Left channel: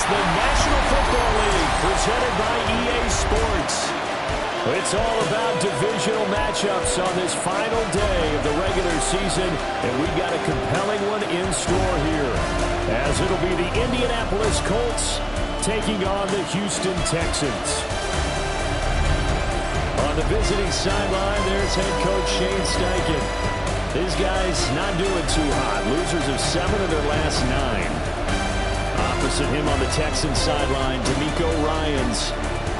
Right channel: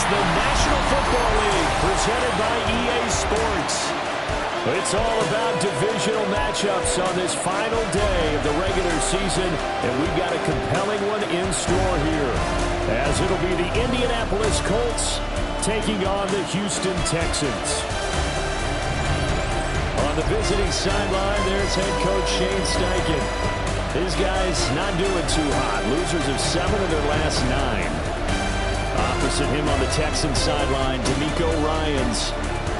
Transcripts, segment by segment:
It's the National Football League presented by EA Sports. It's all about divisional matchups on this final day of the regular season, and we've got a compelling one in store here, as it'll be the Indianapolis Colts taking on the Houston Texans. On the visiting sideline, there's head coach Shane Steichen. His guys not doing too hot. Losers of 7 of their last 9. Opposite him on the Texans sideline, D'Amico Ryans.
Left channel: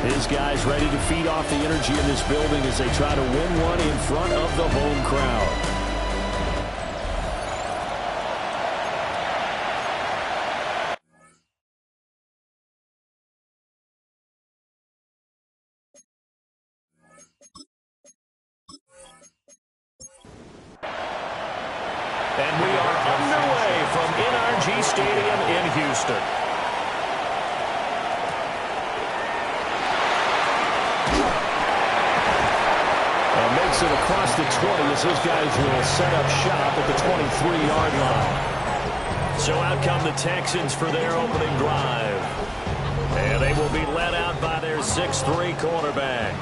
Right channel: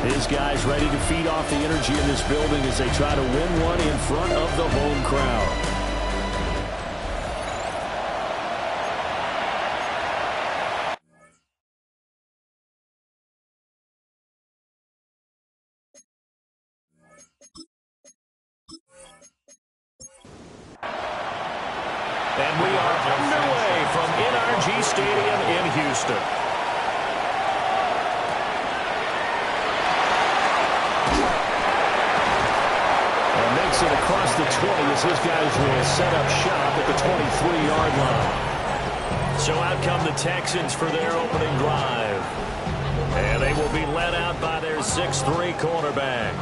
His guys ready to feed off the energy in this building as they try to win one in front of the home crowd. And we are underway from NRG Stadium in Houston. And makes it across the 20 as his guys will set up shop at the 23-yard line. So out come the Texans for their opening drive. And they will be led out by their 6'3" cornerback.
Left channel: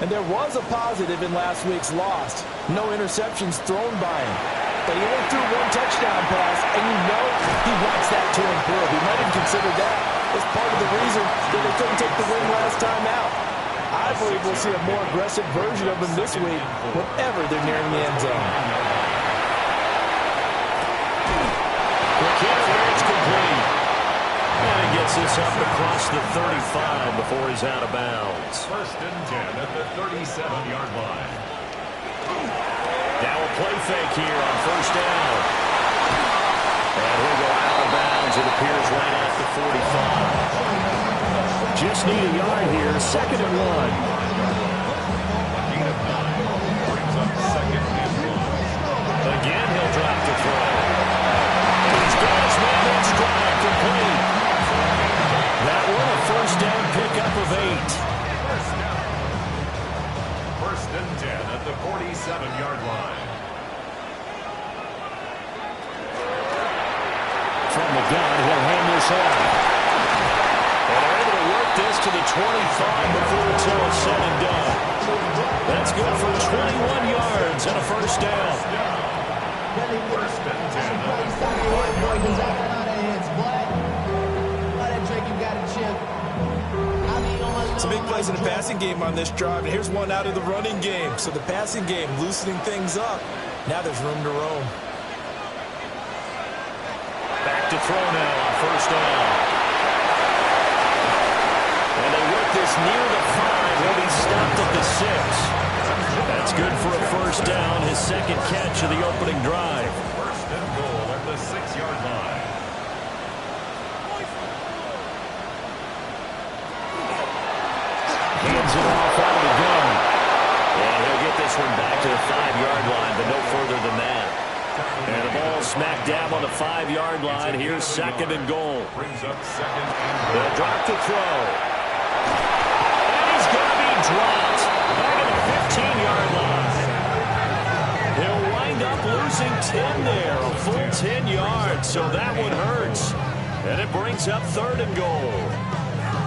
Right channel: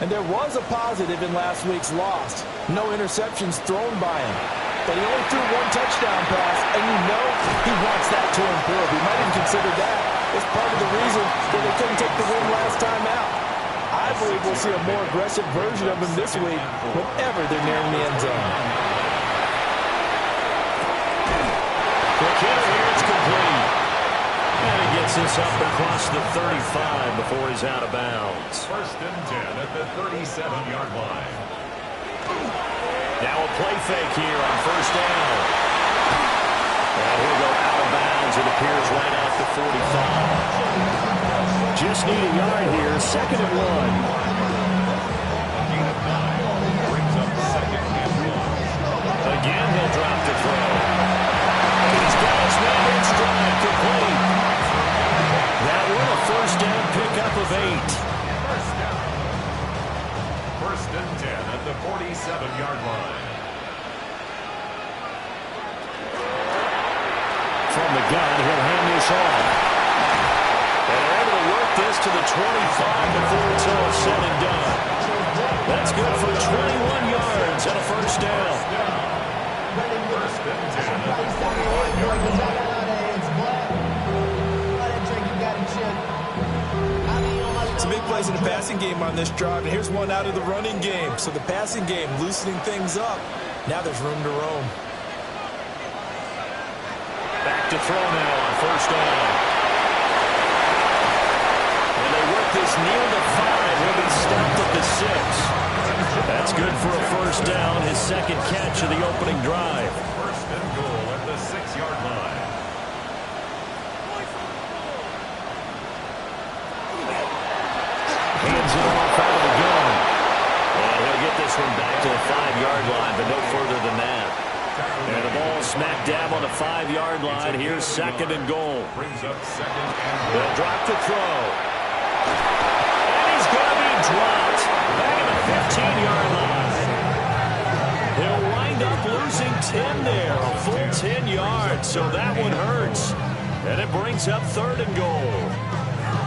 And there was a positive in last week's loss. No interceptions thrown by him. But he only threw 1 touchdown pass, and you know he wants that to improve. He might have considered that as part of the reason that they couldn't take the win last time out. I believe we'll see a more aggressive version of him this week whenever they're nearing the end zone. Quick hitter here, it's complete. And he gets this up across the 35 before he's out of bounds. 1st and 10 at the 37-yard line. Now a play fake here on 1st down. And he'll go out of bounds. It appears right at the 45. Just need a yard here. 2nd and 1. Gain of 9 brings up 2nd and 1. Again, he'll drop to throw. And he's got his man in stride, complete. That one a 1st down pickup of 8. 1st down. 1st and 10 at the 47-yard line. From the gun, he'll hand this off. And they're able to work this to the 25 before it's all said and done. That's good for 21 yards and a 1st down. 1st and 10 at the 45-yard line. Some big plays in the passing game on this drive, and here's one out of the running game. So the passing game loosening things up. Now there's room to roam. Back to throw now on 1st down. And they work this near the 5. He'll be stopped at the 6. That's good for a 1st down, his 2nd catch of the opening drive. 1st and goal at the 6-yard line. Hands it off out of the gun. And he'll get this one back to the 5-yard line, but no further than that. And the ball smack dab on the 5-yard line. Here's 2nd and goal. Brings up 2nd and goal. They'll drop to throw. And he's going to be dropped. Back at the 15-yard line. He'll wind up losing 10 there. A full 10 yards. So that one hurts. And it brings up 3rd and goal.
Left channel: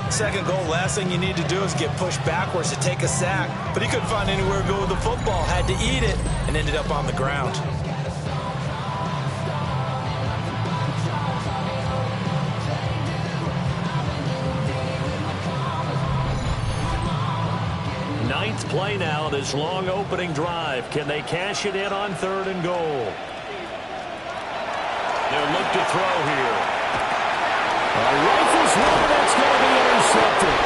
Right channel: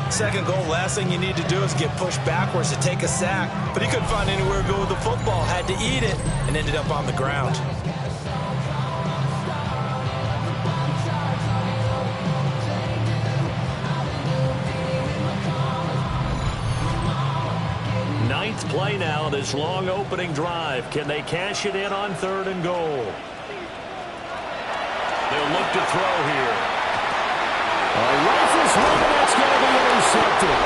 2nd goal, last thing you need to do is get pushed backwards to take a sack. But he couldn't find anywhere to go with the football. Had to eat it and ended up on the ground. Ninth play now, this long opening drive. Can they cash it in on 3rd and goal? They'll look to throw here. Rifles one, that's going to be intercepted.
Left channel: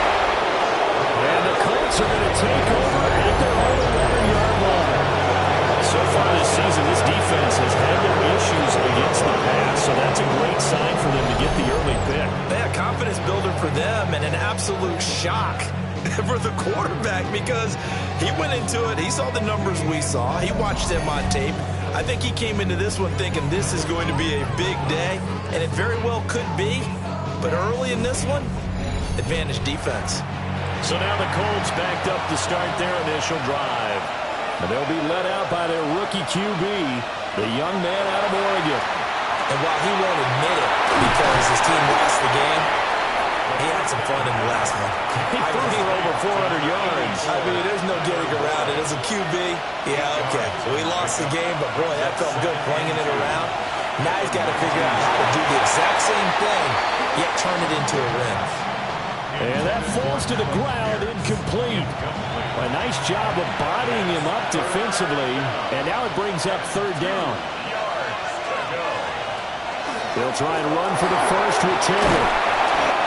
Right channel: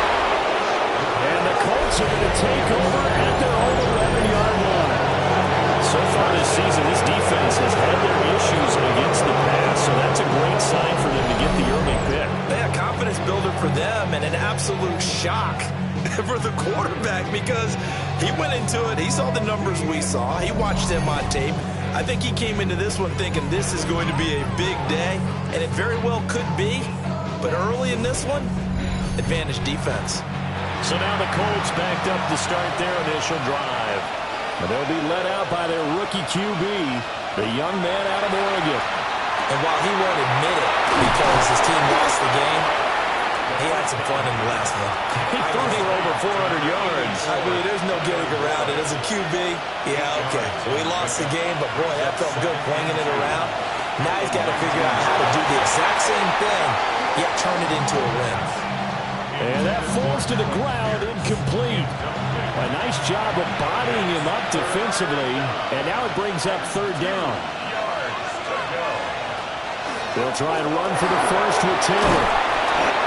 And the Colts are going to take over at their own 11-yard line. So far this season, this defense has had their issues against the pass, so that's a great sign for them to get the early pick. Yeah, confidence builder for them and an absolute shock for the quarterback because he went into it. He saw the numbers we saw. He watched them on tape. I think he came into this one thinking this is going to be a big day, and it very well could be. But early in this one, advantage defense. So now the Colts backed up to start their initial drive. And they'll be led out by their rookie QB, the young man out of Oregon. And while he won't admit it because his team lost the game, he had some fun in the last one. He threw for over 400 yards. I mean, there's no getting around it. As a QB, yeah, okay. So he lost the game, but boy, that felt good flinging it around. Now he's got to figure out how to do the exact same thing, yet turn it into a win. And that falls to the ground, incomplete. A nice job of bodying him up defensively, and now it brings up third down. They'll try and run for the first with Taylor.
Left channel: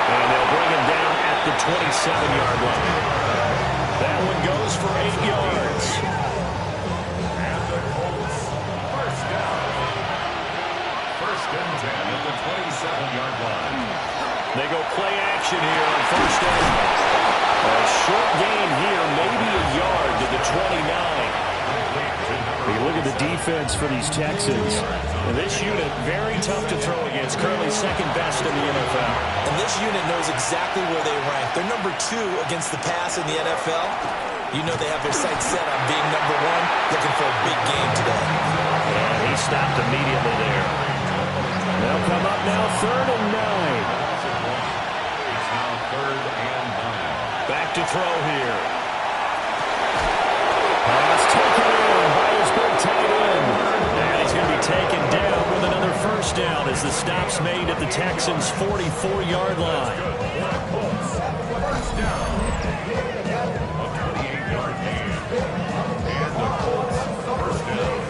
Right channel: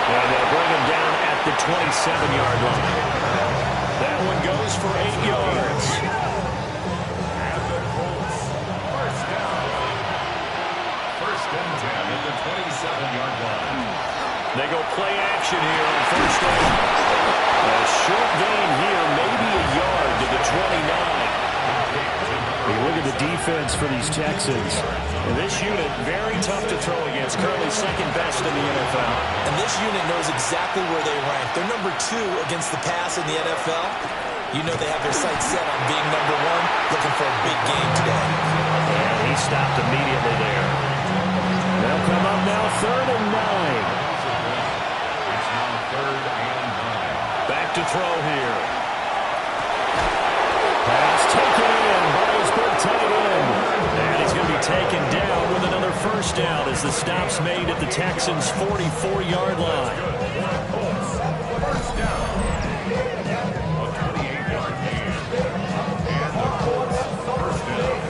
And they'll bring him down at the 27-yard line. That one goes for 8 yards. And the Colts, first down. First and 10 at the 27-yard line. They go play action here on first down. A short gain here, maybe a yard to the 29. You look at the defense for these Texans. And this unit, very tough to throw against. Currently second best in the NFL. And this unit knows exactly where they rank. They're number 2 against the pass in the NFL. You know they have their sights set on being number 1, looking for a big game today. And he stopped immediately there. They'll come up now, 3rd and 9. It's now 3rd and 9. Back to throw here. Pass taken in by his big tight end. And he's going to be taken down with another first down as the stop's made at the Texans' 44-yard line. First down. A 28-yard gain. And the Colts, first down.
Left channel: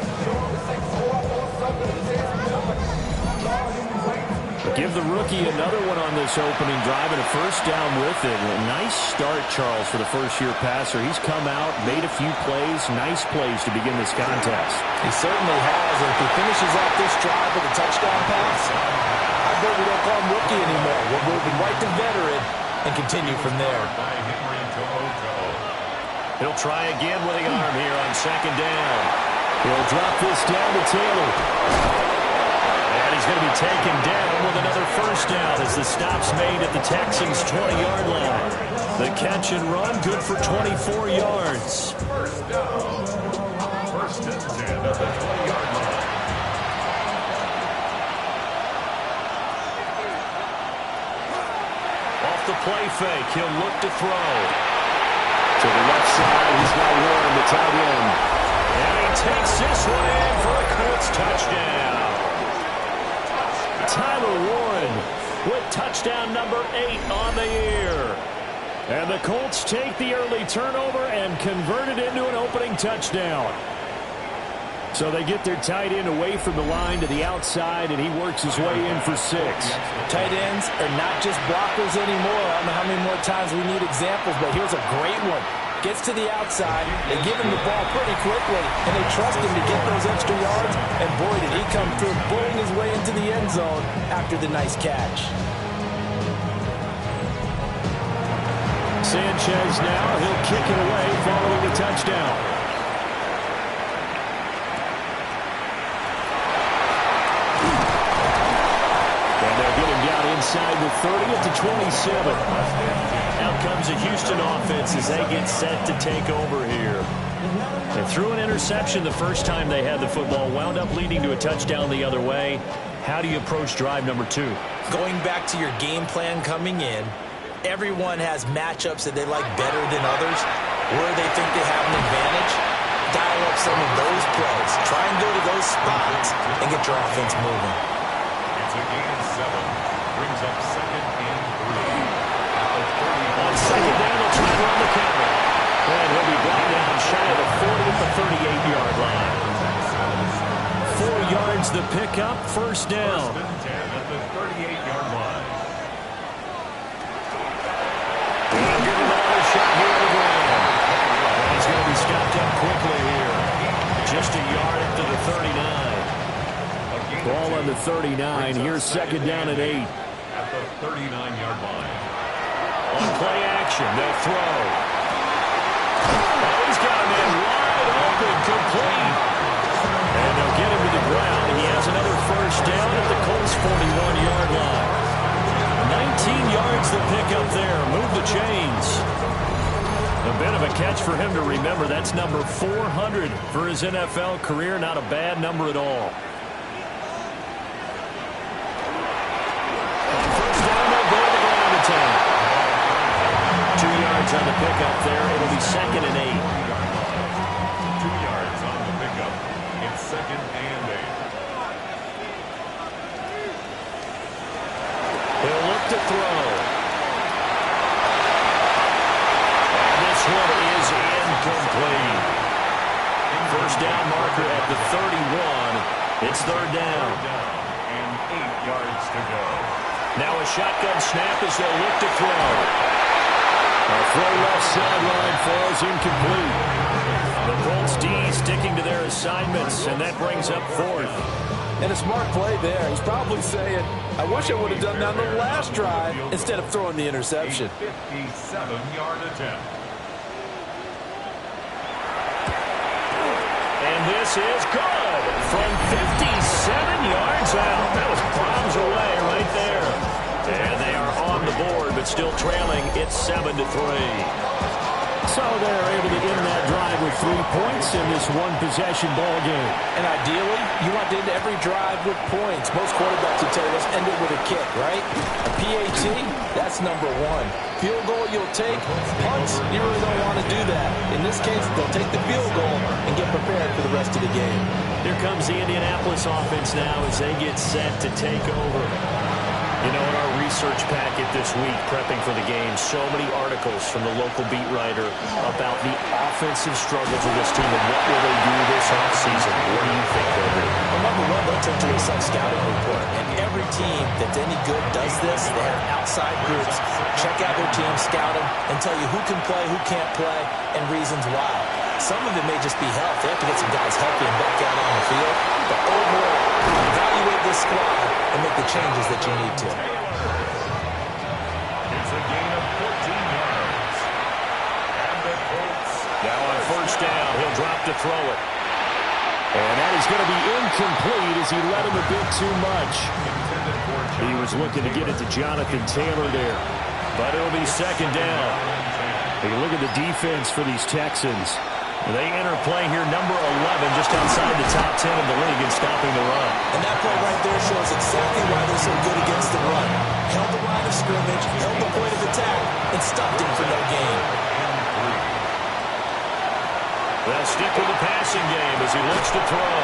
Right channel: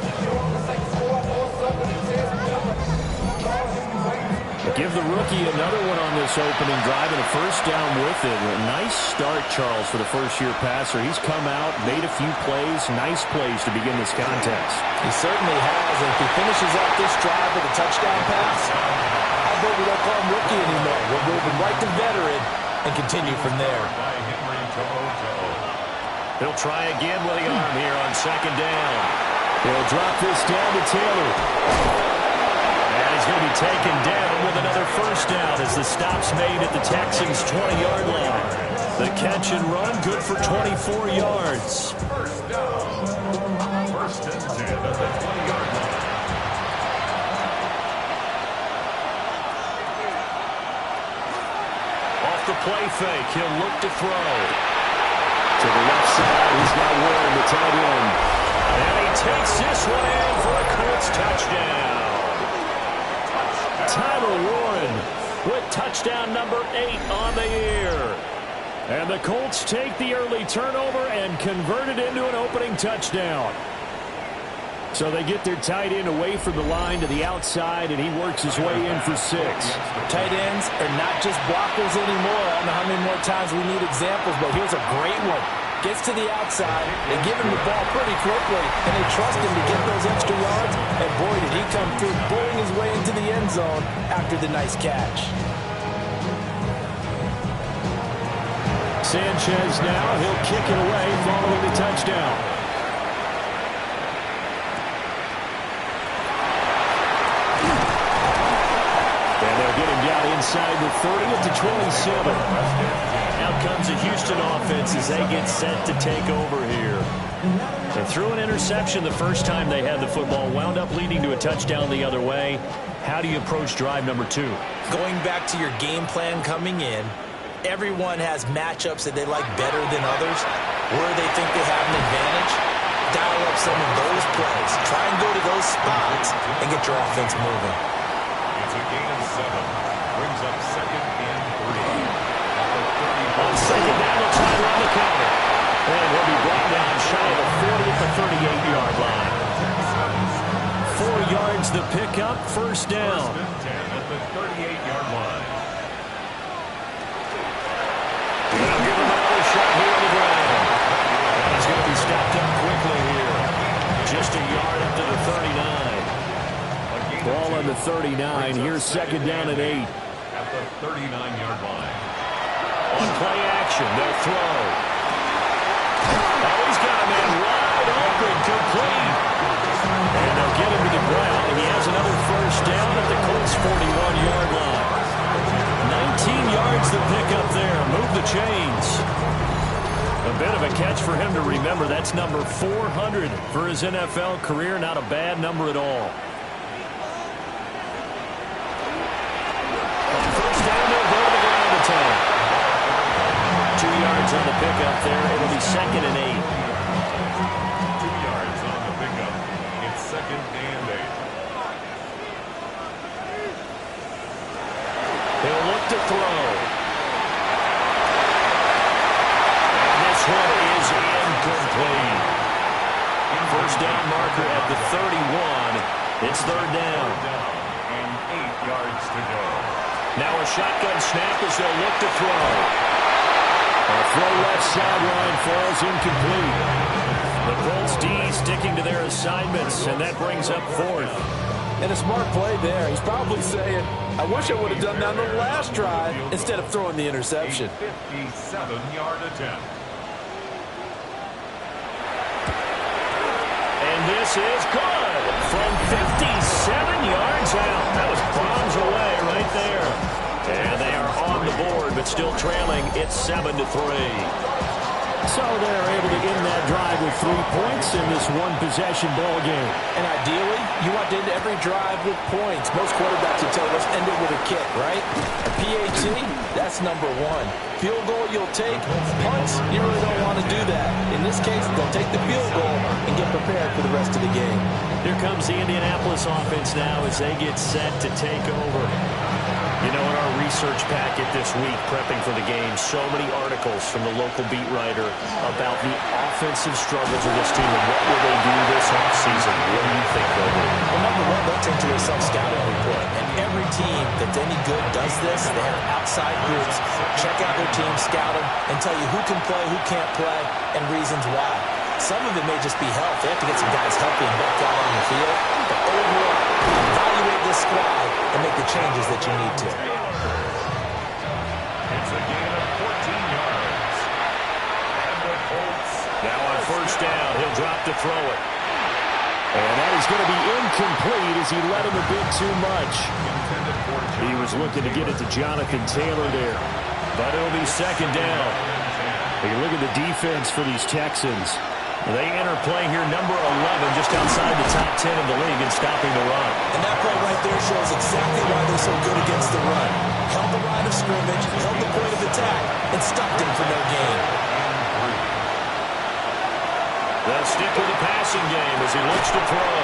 Give the rookie another one on this opening drive and a first down with it. A nice start, Charles, for the first-year passer. He's come out, made a few plays, nice plays to begin this contest. He certainly has, and if he finishes off this drive with a touchdown pass, I bet we don't call him rookie anymore. We're moving right to veteran and continue from there. He'll try again with the arm here on second down. He'll drop this down to Taylor. And he's going to be taken down with another first down as the stop's made at the Texans' 20-yard line. The catch and run, good for 24 yards. First down. First and 10 at the 20-yard line. Off the play fake, he'll look to throw. To the left side, he's got Warren, the tight end. And he takes this one in for a Colts touchdown. Tyler Warren with touchdown number 8 on the year. And the Colts take the early turnover and convert it into an opening touchdown. So they get their tight end away from the line to the outside, and he works his way in for 6. Tight ends are not just blockers anymore. I don't know how many more times we need examples, but here's a great one. Gets to the outside, they give him the ball pretty quickly, and they trust him to get those extra yards, and boy, did he come through, bullying his way into the end zone after the nice catch. Sanchez now, he'll kick it away following the touchdown. And they'll get him down inside the 30 at the 27. Out comes the Houston offense as they get set to take over here. They threw an interception the first time they had the football, wound up leading to a touchdown the other way. How do you approach drive number 2? Going back to your game plan coming in, everyone has matchups that they like better than others, where they think they have an advantage. Dial up some of those plays. Try and go to those spots and get your offense moving. It's a gain of 7. Brings up 2nd and 3. At the 30. On second down, they'll try to run the counter. And he'll be brought down shy of the 40 at the 38-yard line. 4 yards the pickup, first down. First and 10 at the 38-yard line. And they'll give him another shot here on the ground. And he's going to be stopped up quickly here. Just a yard up to the 39. Ball on the 39. Here's second down and 8. At the 39-yard line. On play action, they'll throw. Oh, he's got a man wide open, complete. And they'll get him to the ground, and he has another first down at the Colts' 41-yard line. 19 yards the pickup there. Move the chains. A bit of a catch for him to remember. That's number 400 for his NFL career. Not a bad number at all. tank. 2 yards on the pickup there. It'll be 2nd and 8. 2 yards on the pickup. It's 2nd and 8. He'll look to throw. And this one is incomplete. First down marker at the 31. It's 3rd down. And 8 yards to go. Now a shotgun snap as they'll look to throw. A throw left sideline falls incomplete. The Colts D sticking to their assignments, and that brings up 4th. And a smart play there. He's probably saying, I wish I would have done that on the last drive instead of throwing the interception. A 57-yard attempt. And this is good from 57 yards out. That was bombs away right there. And they are on the board, but still trailing. It's 7-3. So they're able to end that drive with 3 points in this one-possession ball game. And ideally, you want to end every drive with points. Most quarterbacks would tell you, let's end it with a kick, right? A PAT, that's number 1. Field goal you'll take. Punts, you really don't want to do that. In this case, they'll take the field goal and get prepared for the rest of the game. Here comes the Indianapolis offense now as they get set to take over. You know, in our research packet this week, prepping for the game, so many articles from the local beat writer about the offensive struggles of this team and what will they do this offseason. What do you think they'll do? Well, number 1, they'll take to a self-scouting report. And every team that's any good does this. They have outside groups. Check out their team, scout them, and tell you who can play, who can't play, and reasons why. Some of it may just be health. They have to get some guys healthy and back out on the field. But overall, evaluate this squad and make the changes that you need to. It's a gain of 14 yards. And the Colts. Now on 1st down, he'll drop to throw it. And that is going to be incomplete as he led him a bit too much. He was looking to get it to Jonathan Taylor there. But it'll be 2nd down. Hey, look at the defense for these Texans. They enter play here, number 11, just outside the top 10 of the league in stopping the run. And that play right there shows exactly why they're so good against the run. Held the line of scrimmage, held the point of attack, and stopped him for no gain. They'll stick with the passing game as he looks to throw.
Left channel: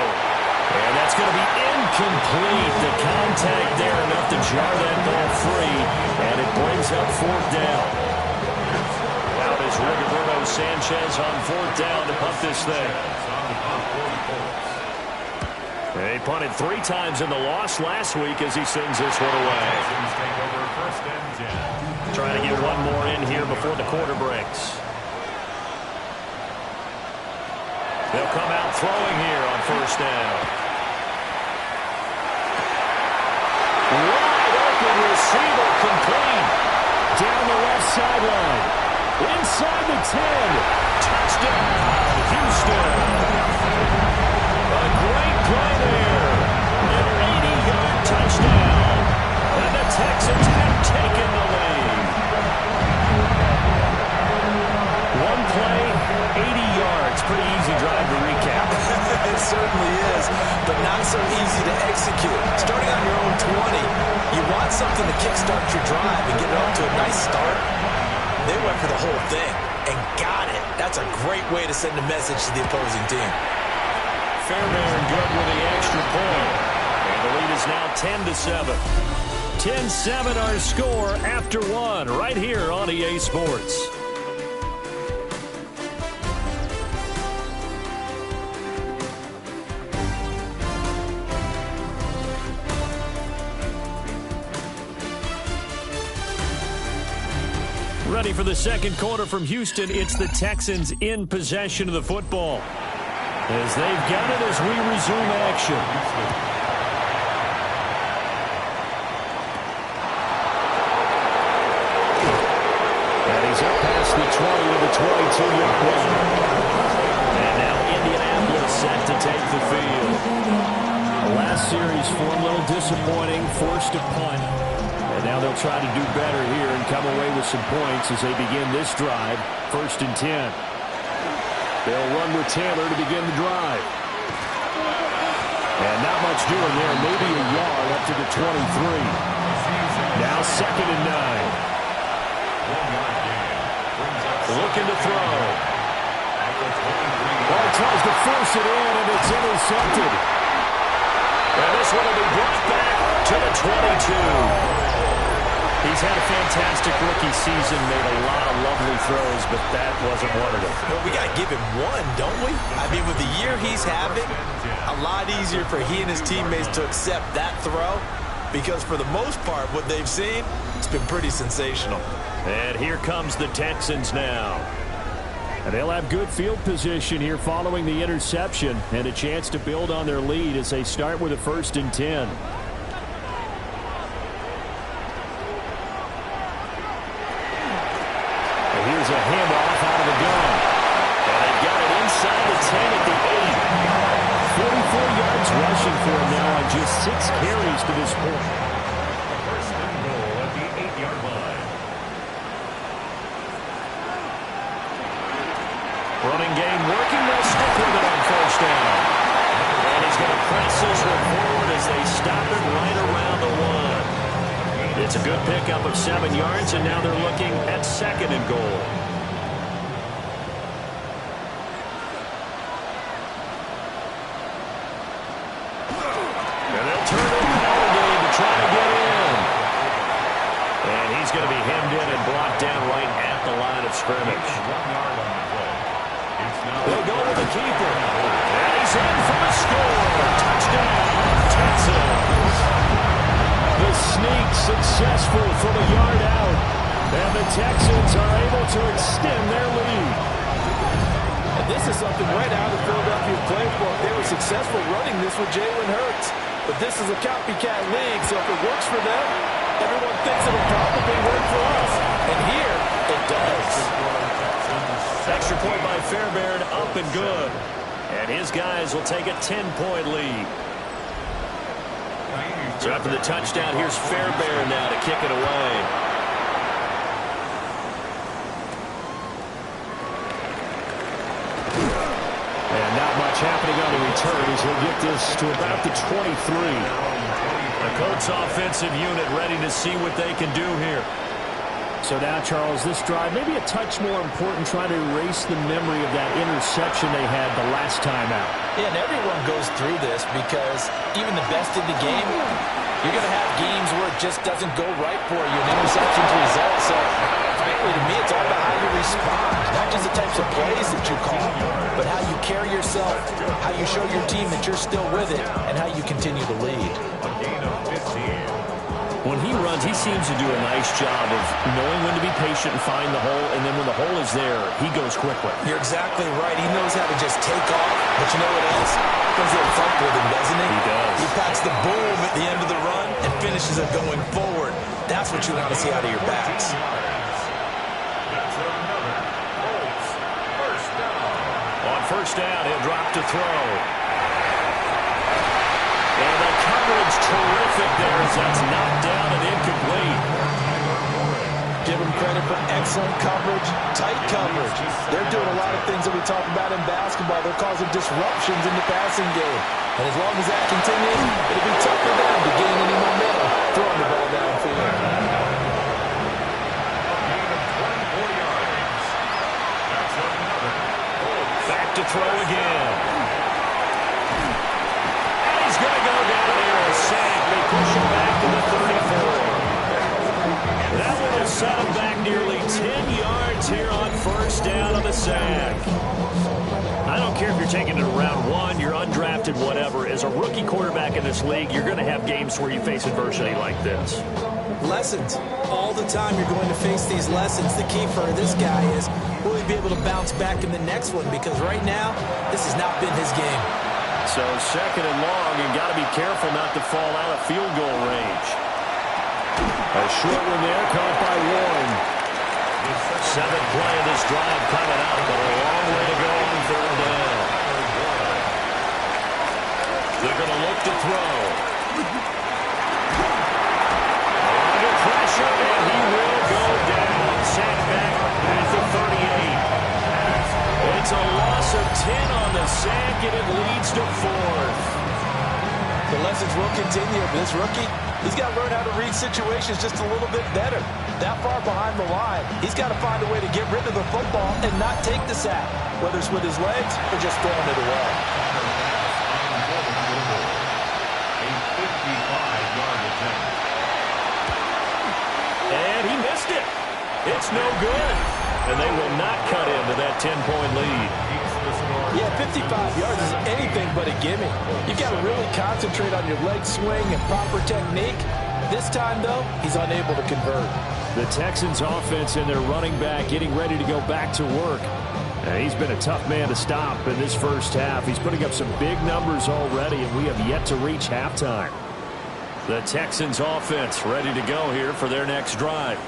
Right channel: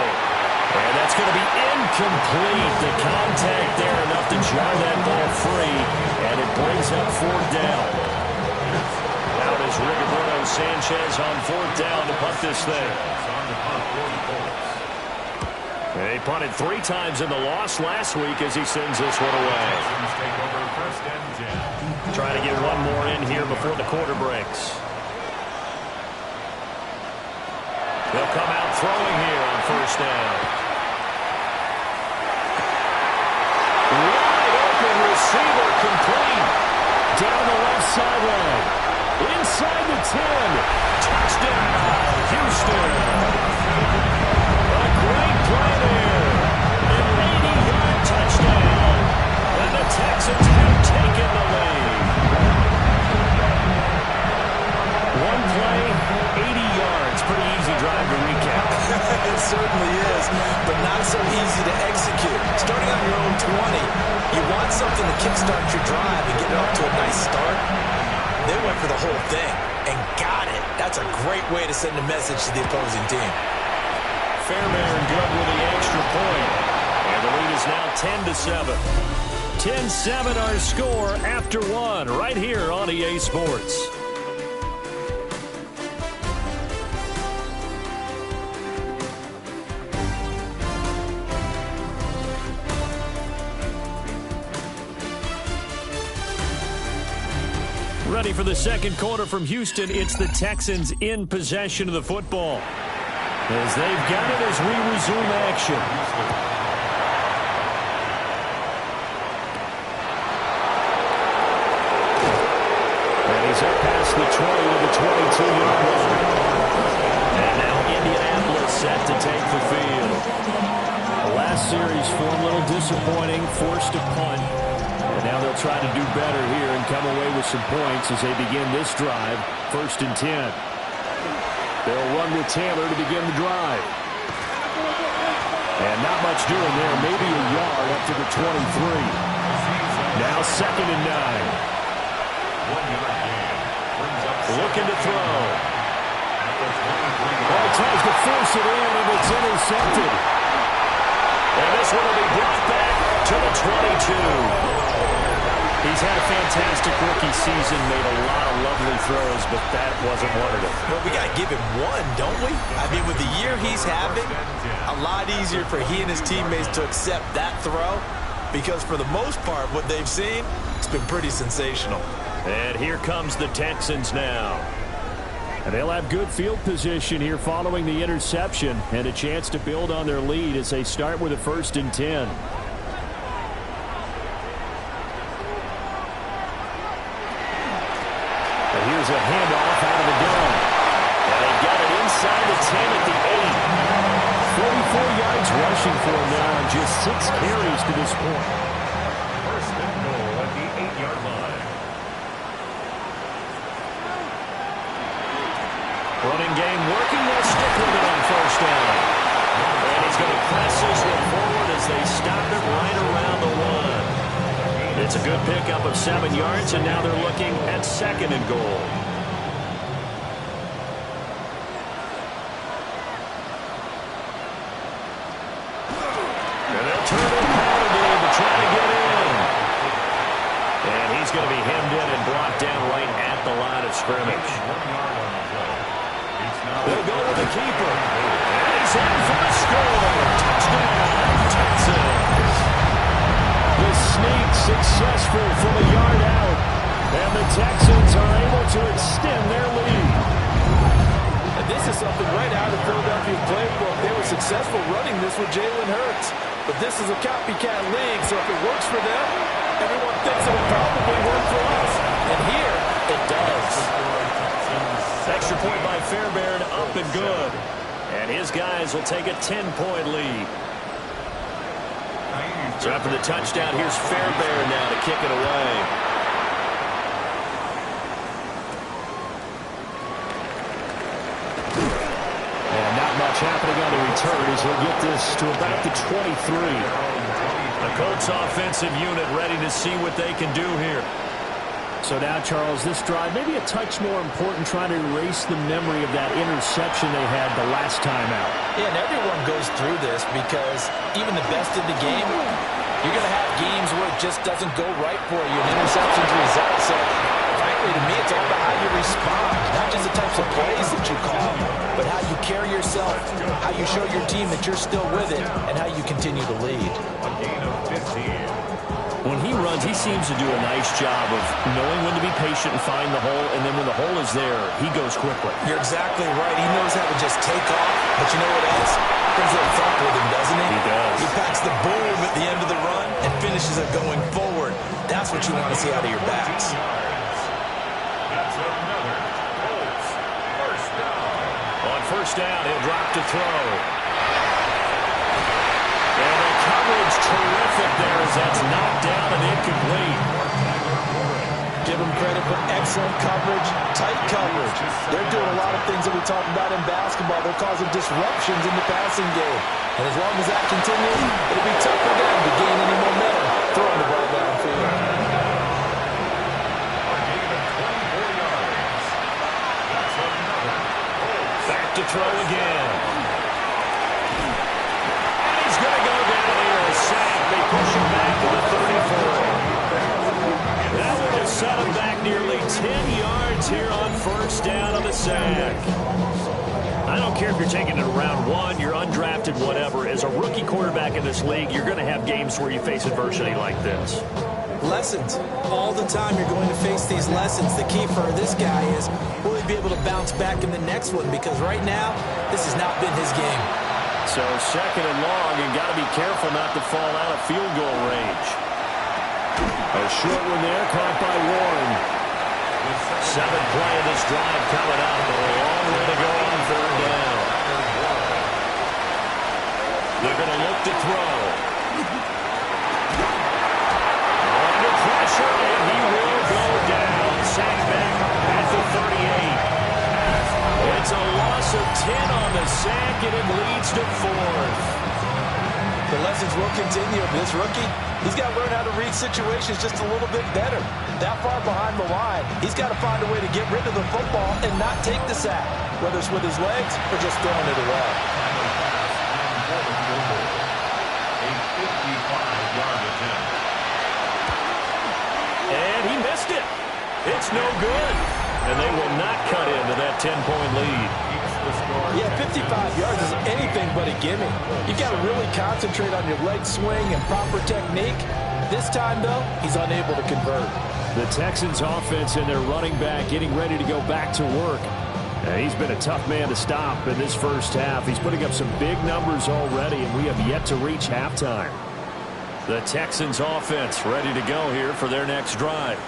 And that's going to be incomplete. The contact there enough to jar that ball free, and it brings up 4th down. Out is Rigoberto Sanchez on 4th down to punt this thing. They punted 3 times in the loss last week as he sends this one away. Trying to get one more in here before the quarter breaks. They'll come out throwing here on 1st down. Wide open receiver complete. Down the left sideline. Inside the 10. Touchdown, Houston. A great play there. An 80-yard touchdown. And the Texans have taken the lead. One play, 80 yards. Pretty easy drive to recap. It certainly is, but not so easy to execute. Starting on your own 20, you want something to kickstart your drive and get it off to a nice start. They went for the whole thing and got it. That's a great way to send a message to the opposing team. Fairbairn good with the extra point. And the lead is now 10-7. 10-7 our score after 1 right here on EA Sports. Ready for the 2nd quarter from Houston. It's the Texans in possession of the football. As they've got it as we resume action. And he's up past the 20 to the 22-yard line. And now Indianapolis set to take the field. The last series for a little disappointing, forced a punt. And now they'll try to do better here and come away with some points as they begin this drive. 1st and 10. They'll run with Taylor to begin the drive. And not much doing there. Maybe a yard up to the 23. Now 2nd and 9. 1-yard gain. Brings up Looking to throw. at the 23. Well, he tries to force it in, and it's intercepted. And this one will be brought back to the 22. He's had a fantastic rookie season, made a lot of lovely throws, but that wasn't one of them. Well, we got to give him one, don't we? I mean, with the year he's having, a lot easier for he and his teammates to accept that throw because for the most part, what they've seen, it's been pretty sensational. And here comes the Texans now. And they'll have good field position here following the interception and a chance to build on their lead as they start with a 1st and 10. Here's a handoff out of the gun. And they've got it inside the 10 at the 8. 44 yards rushing for him now on just 6 carries to this point. 1st and goal at the 8-yard line. Running game working. They'll stick with it on 1st down. And he's going to press this one forward as they stop it right around the 1. It's a good pickup of 7 yards, and now they're looking at 2nd and goal. And they'll turn to a power game to try to get in. And he's going to be hemmed in and brought down right at the line of scrimmage. 1 yard on the play. It's now They'll go with the keeper. And he's in for the score. Touchdown, Texans. The sneak successful from a yard out. And the Texans are able to extend their lead. And this is something right out of Philadelphia playbook. They were successful running this with Jalen Hurts. But this is a copycat league, so if it works for them, everyone thinks it will probably work for us. And here, it does. Extra point by Fairbairn, up and good. And his guys will take a 10-point lead. So after the touchdown, here's Fairbairn now to kick it away. And not much happening on the return as he'll get this to about the 23. The Colts offensive unit ready to see what they can do here. So now, Charles, this drive maybe a touch more important, trying to erase the memory of that interception they had the last time out. Yeah, and everyone goes through this because even the best in the game, you're going to have games where it just doesn't go right for you, and interceptions result. So, frankly, to me, it's all about how you respond, not just the types of plays that you call, but how you carry yourself, how you show your team that you're still with it, and how you continue to lead. a gain of 15. When he runs, he seems to do a nice job of knowing when to be patient and find the hole, and then when the hole is there, he goes quickly. You're exactly right. He knows how to just take off, but you know what else? Brings a little thump with him, doesn't he? He does. He packs the boom at the end of the run and finishes it going forward. That's what you want to see out of your backs. 14 yards. That's another Colts 1st down. On 1st down, he'll drop to throw. And the coverage terrific there as that's knocked down and incomplete. Give them credit for excellent coverage, tight coverage. They're doing a lot of things that we talk about in basketball. They're causing disruptions in the passing game. And as long as that continues, it'll be tough for them to gain any momentum throwing the ball downfield. A gain of 24 yards. That's another Colts. Back to throw again. He's going to go down here, a sack. They push him back to the 34. That one will set him back nearly 10 yards here on 1st down of the sack. I don't care if you're taking it around 1, you're undrafted, whatever. As a rookie quarterback in this league, you're going to have games where you face adversity like this. Lessons. All the time you're going to face these lessons. The key for this guy is, will he be able to bounce back in the next one? Because right now, this has not been his game. So 2nd and long, and got to be careful not to fall out of field goal range. A short one there, caught by Warren. 7th play of this drive coming up, but a long way to go on 3rd down. They're going to look to throw. Under pressure, and he will go down. Sacked back at the 38. It's a loss of 10 on the sack, and it leads to 4th. The lessons will continue. This rookie, He's got to learn how to read situations just a little bit better. That far behind the line, he's got to find a way to get rid of the football and not take the sack, whether it's with his legs or just throwing it away. A 55-yard attempt. And he missed it. It's no good. And they will not cut into that 10-point lead. Yeah, 55 yards is anything but a gimme. You've got to really concentrate on your leg swing and proper technique. This time, though, he's unable to convert. The Texans offense and their running back getting ready to go back to work. He's been a tough man to stop in this first half. He's putting up some big numbers already, and we have yet to reach halftime. The Texans offense ready to go here for their next drive.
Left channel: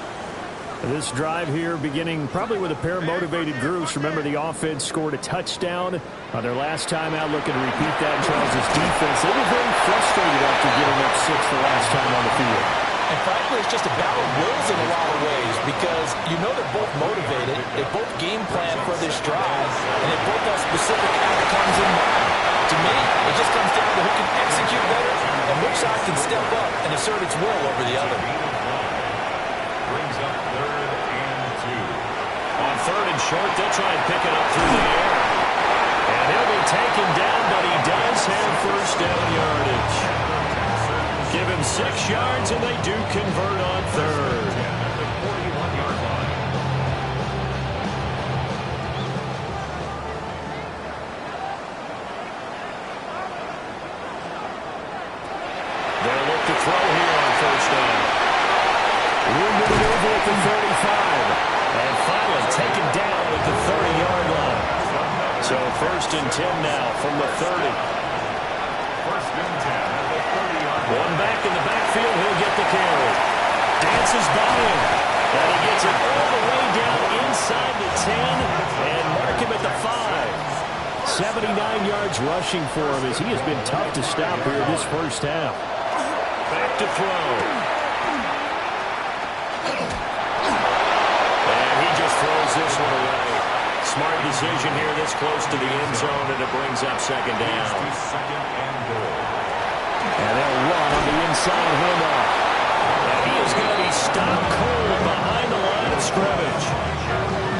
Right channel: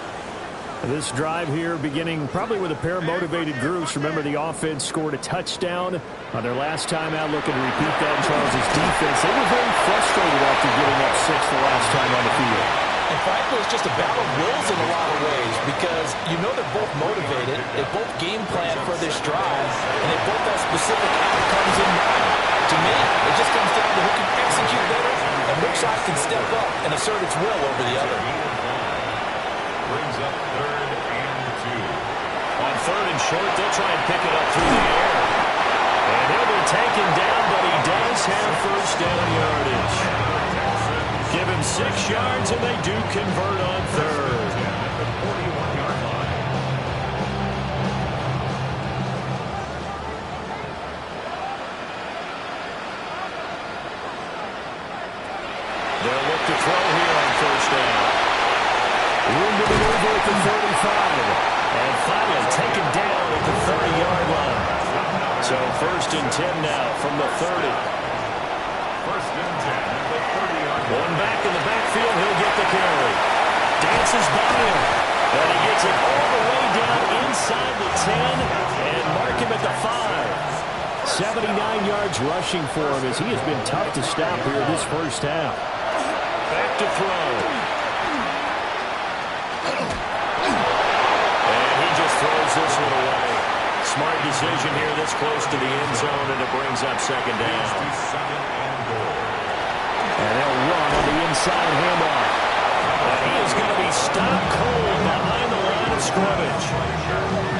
This drive here beginning probably with a pair of motivated groups. Remember, the offense scored a touchdown on their last time out, looking to repeat that in Charles' defense. They were very frustrated after giving up 6 the last time on the field. And frankly, it's just a battle of wills in a lot of ways because you know they're both motivated, they both game plan for this drive, and they both have specific outcomes in mind. To me, it just comes down to who can execute better and which side can step up and assert its will over the other. Brings up 3rd and 2. On 3rd and short, they'll try and pick it up through the air. And he'll be taken down, but he does have first down yardage. Give him 6 yards, and they do convert on 3rd. At the 41-yard line. They'll look to throw here on first down. Room to maneuver at the 35. And finally taken down at the 30-yard line. So 1st and 10 now from the 30. 1st and 10 at the 30-yard line. One back in the backfield, he'll get the carry. Dances by him. And he gets it all the way down inside the 10 and mark him at the 5. 79 yards rushing for him as he has been tough to stop here this first half. Back to throw. And he just throws this one away. Smart decision here this close to the end zone, and it brings up 2nd down. 2nd and goal. And they'll run on the inside handoff. And he is going to be stopped cold behind the line of scrimmage.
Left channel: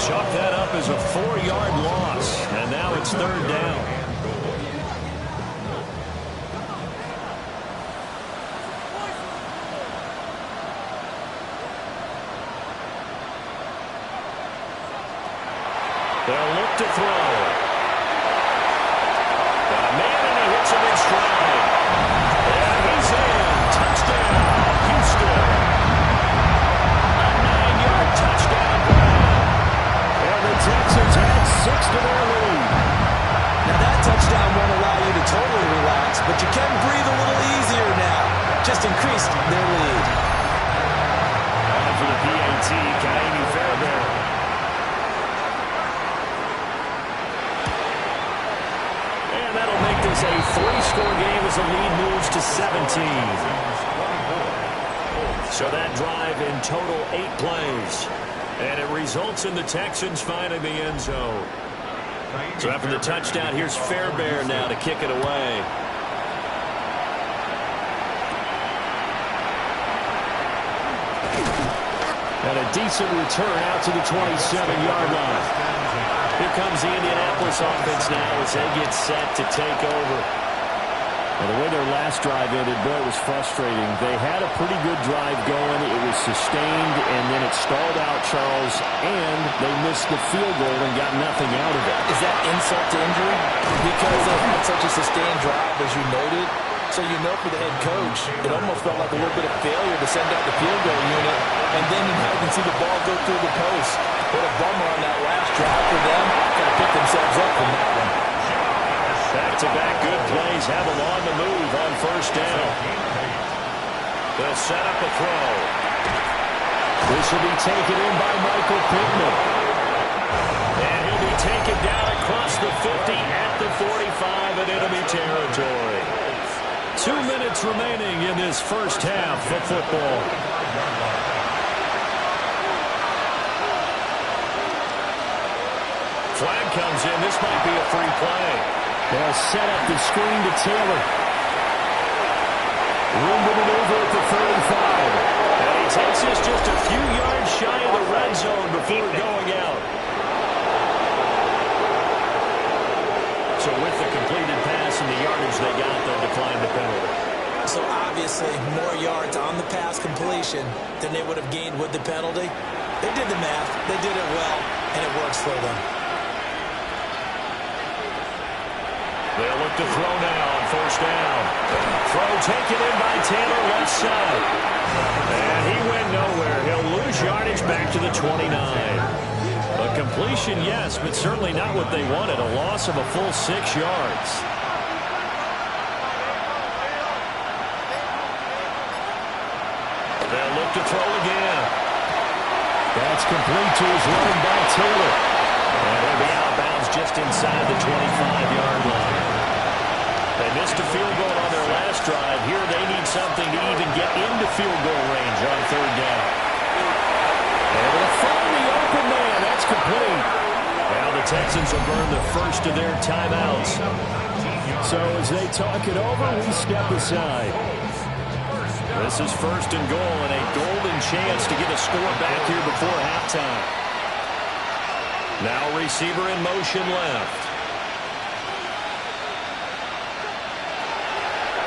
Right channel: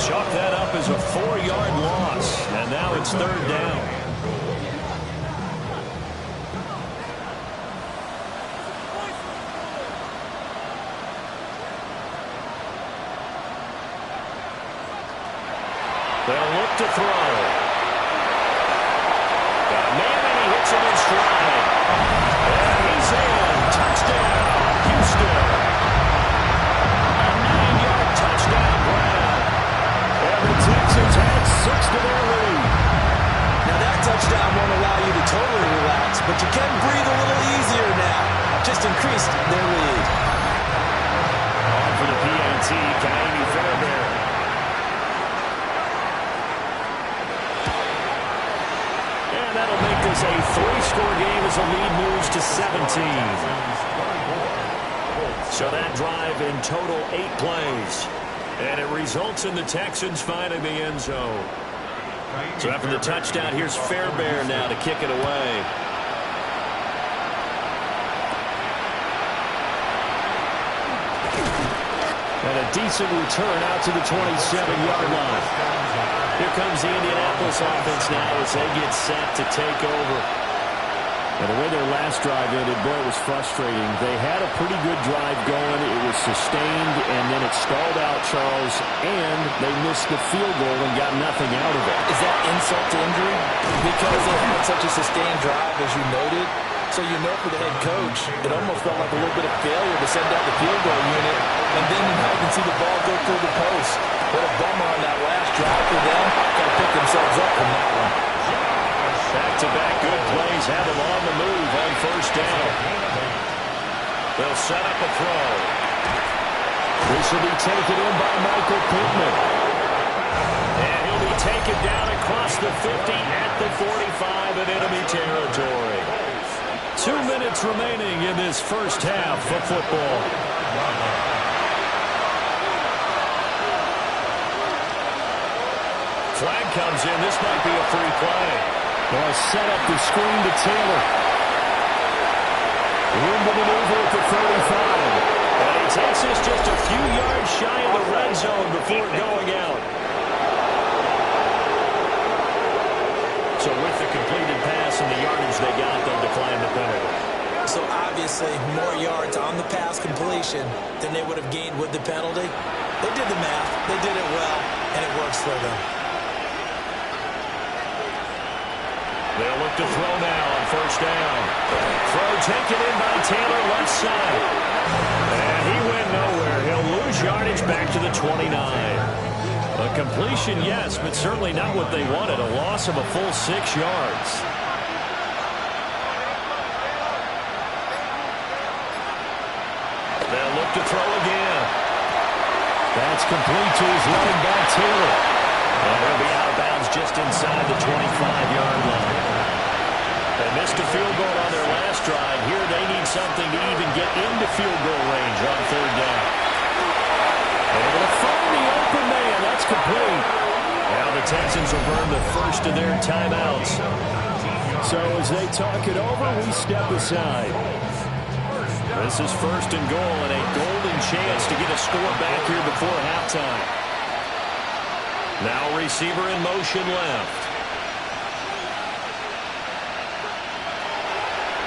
Chalk that up as a 4-yard loss. And now it's 3rd down. They'll look to throw. Got a man, and he hits him in stride. And he's in. Touchdown, Houston. A 9-yard touchdown grab. And the Texans add 6 to their lead. Now that touchdown won't allow you to totally relax, but you can breathe a little easier now. Just increased their lead. On for the PAT, Kaimi Fairbairn. And that'll make this a 3-score game as the lead moves to 17. So that drive in total 8 plays. And it results in the Texans finding the end zone. So after the touchdown, here's Fairbairn now to kick it away. And a decent return out to the 27-yard line. Here comes the Indianapolis offense now as they get set to take over. And the way their last drive ended, boy, it was frustrating. They had a pretty good drive going. It was sustained, and then it stalled out, Charles, and they missed the field goal and got nothing out of it. Is that insult to injury? Because they had such a sustained drive, as you noted. So you know for the head coach, it almost felt like a little bit of failure to send out the field goal unit, and then you not even see the ball go through the post. What a bummer on that last drive for them. Got to pick themselves up from that one. Back-to-back good plays have them on the move on first down. They'll set up a throw. This will be taken in by Michael Pittman. And he'll be taken down across the 50 at the 45 in enemy territory. 2 minutes remaining in this first half of football. Flag comes in. This might be a free play. They'll set up the screen to Taylor. Room to maneuver at the 35. And he takes this just a few yards shy of the red zone before going out. So with the completed pass and the yardage they got, they'll decline the penalty. So obviously more yards on the pass completion than they would have gained with the penalty. They did the math. They did it well, and it works for them. They'll look to throw now on first down. Throw taken in by Taylor, left side. And he went nowhere. He'll lose yardage back to the 29. A completion, yes, but certainly not what they wanted. A loss of a full 6 yards. They'll look to throw again. That's complete to his running back, Taylor. And he'll be out of bounds just inside the 25-yard line. They missed a field goal on their last drive. Here they need something to even get into field goal range on third down. Able to find the open man. That's complete. Now the Texans will burn the first of their timeouts. So as they talk it over, we step aside. This is first and goal and a golden chance to get a score back here before halftime. Now receiver in motion left.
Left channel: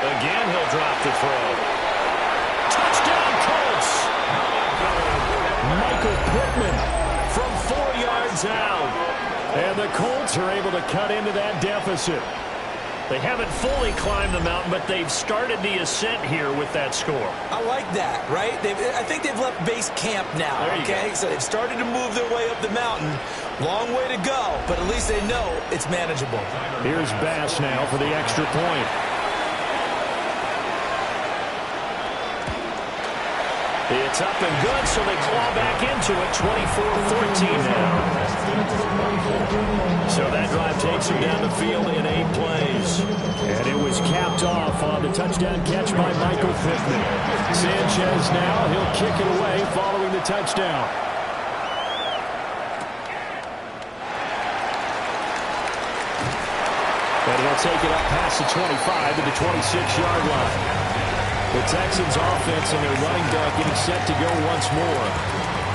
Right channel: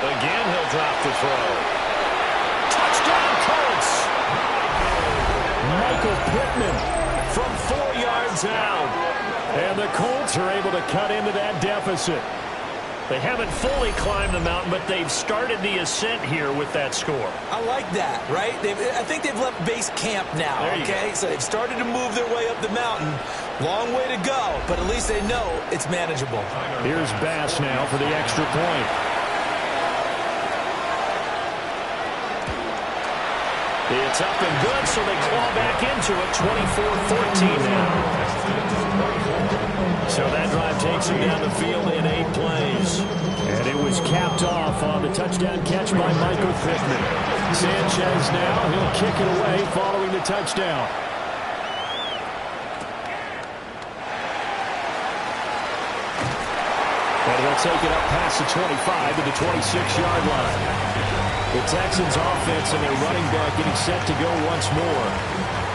Again, he'll drop the throw. Touchdown, Colts! Michael Pittman from 4 yards out. And the Colts are able to cut into that deficit. They haven't fully climbed the mountain, but they've started the ascent here with that score. I like that, right? I think they've left base camp now, okay? So they've started to move their way up the mountain. Long way to go, but at least they know it's manageable. Here's Bass now for the extra point. It's up and good, so they claw back into it, 24-14 now. So that drive takes him down the field in 8 plays. And it was capped off on the touchdown catch by Michael Pittman. Sanchez now, he'll kick it away following the touchdown. And he'll take it up past the 25 to the 26-yard line. The Texans offense and their running back getting set to go once more.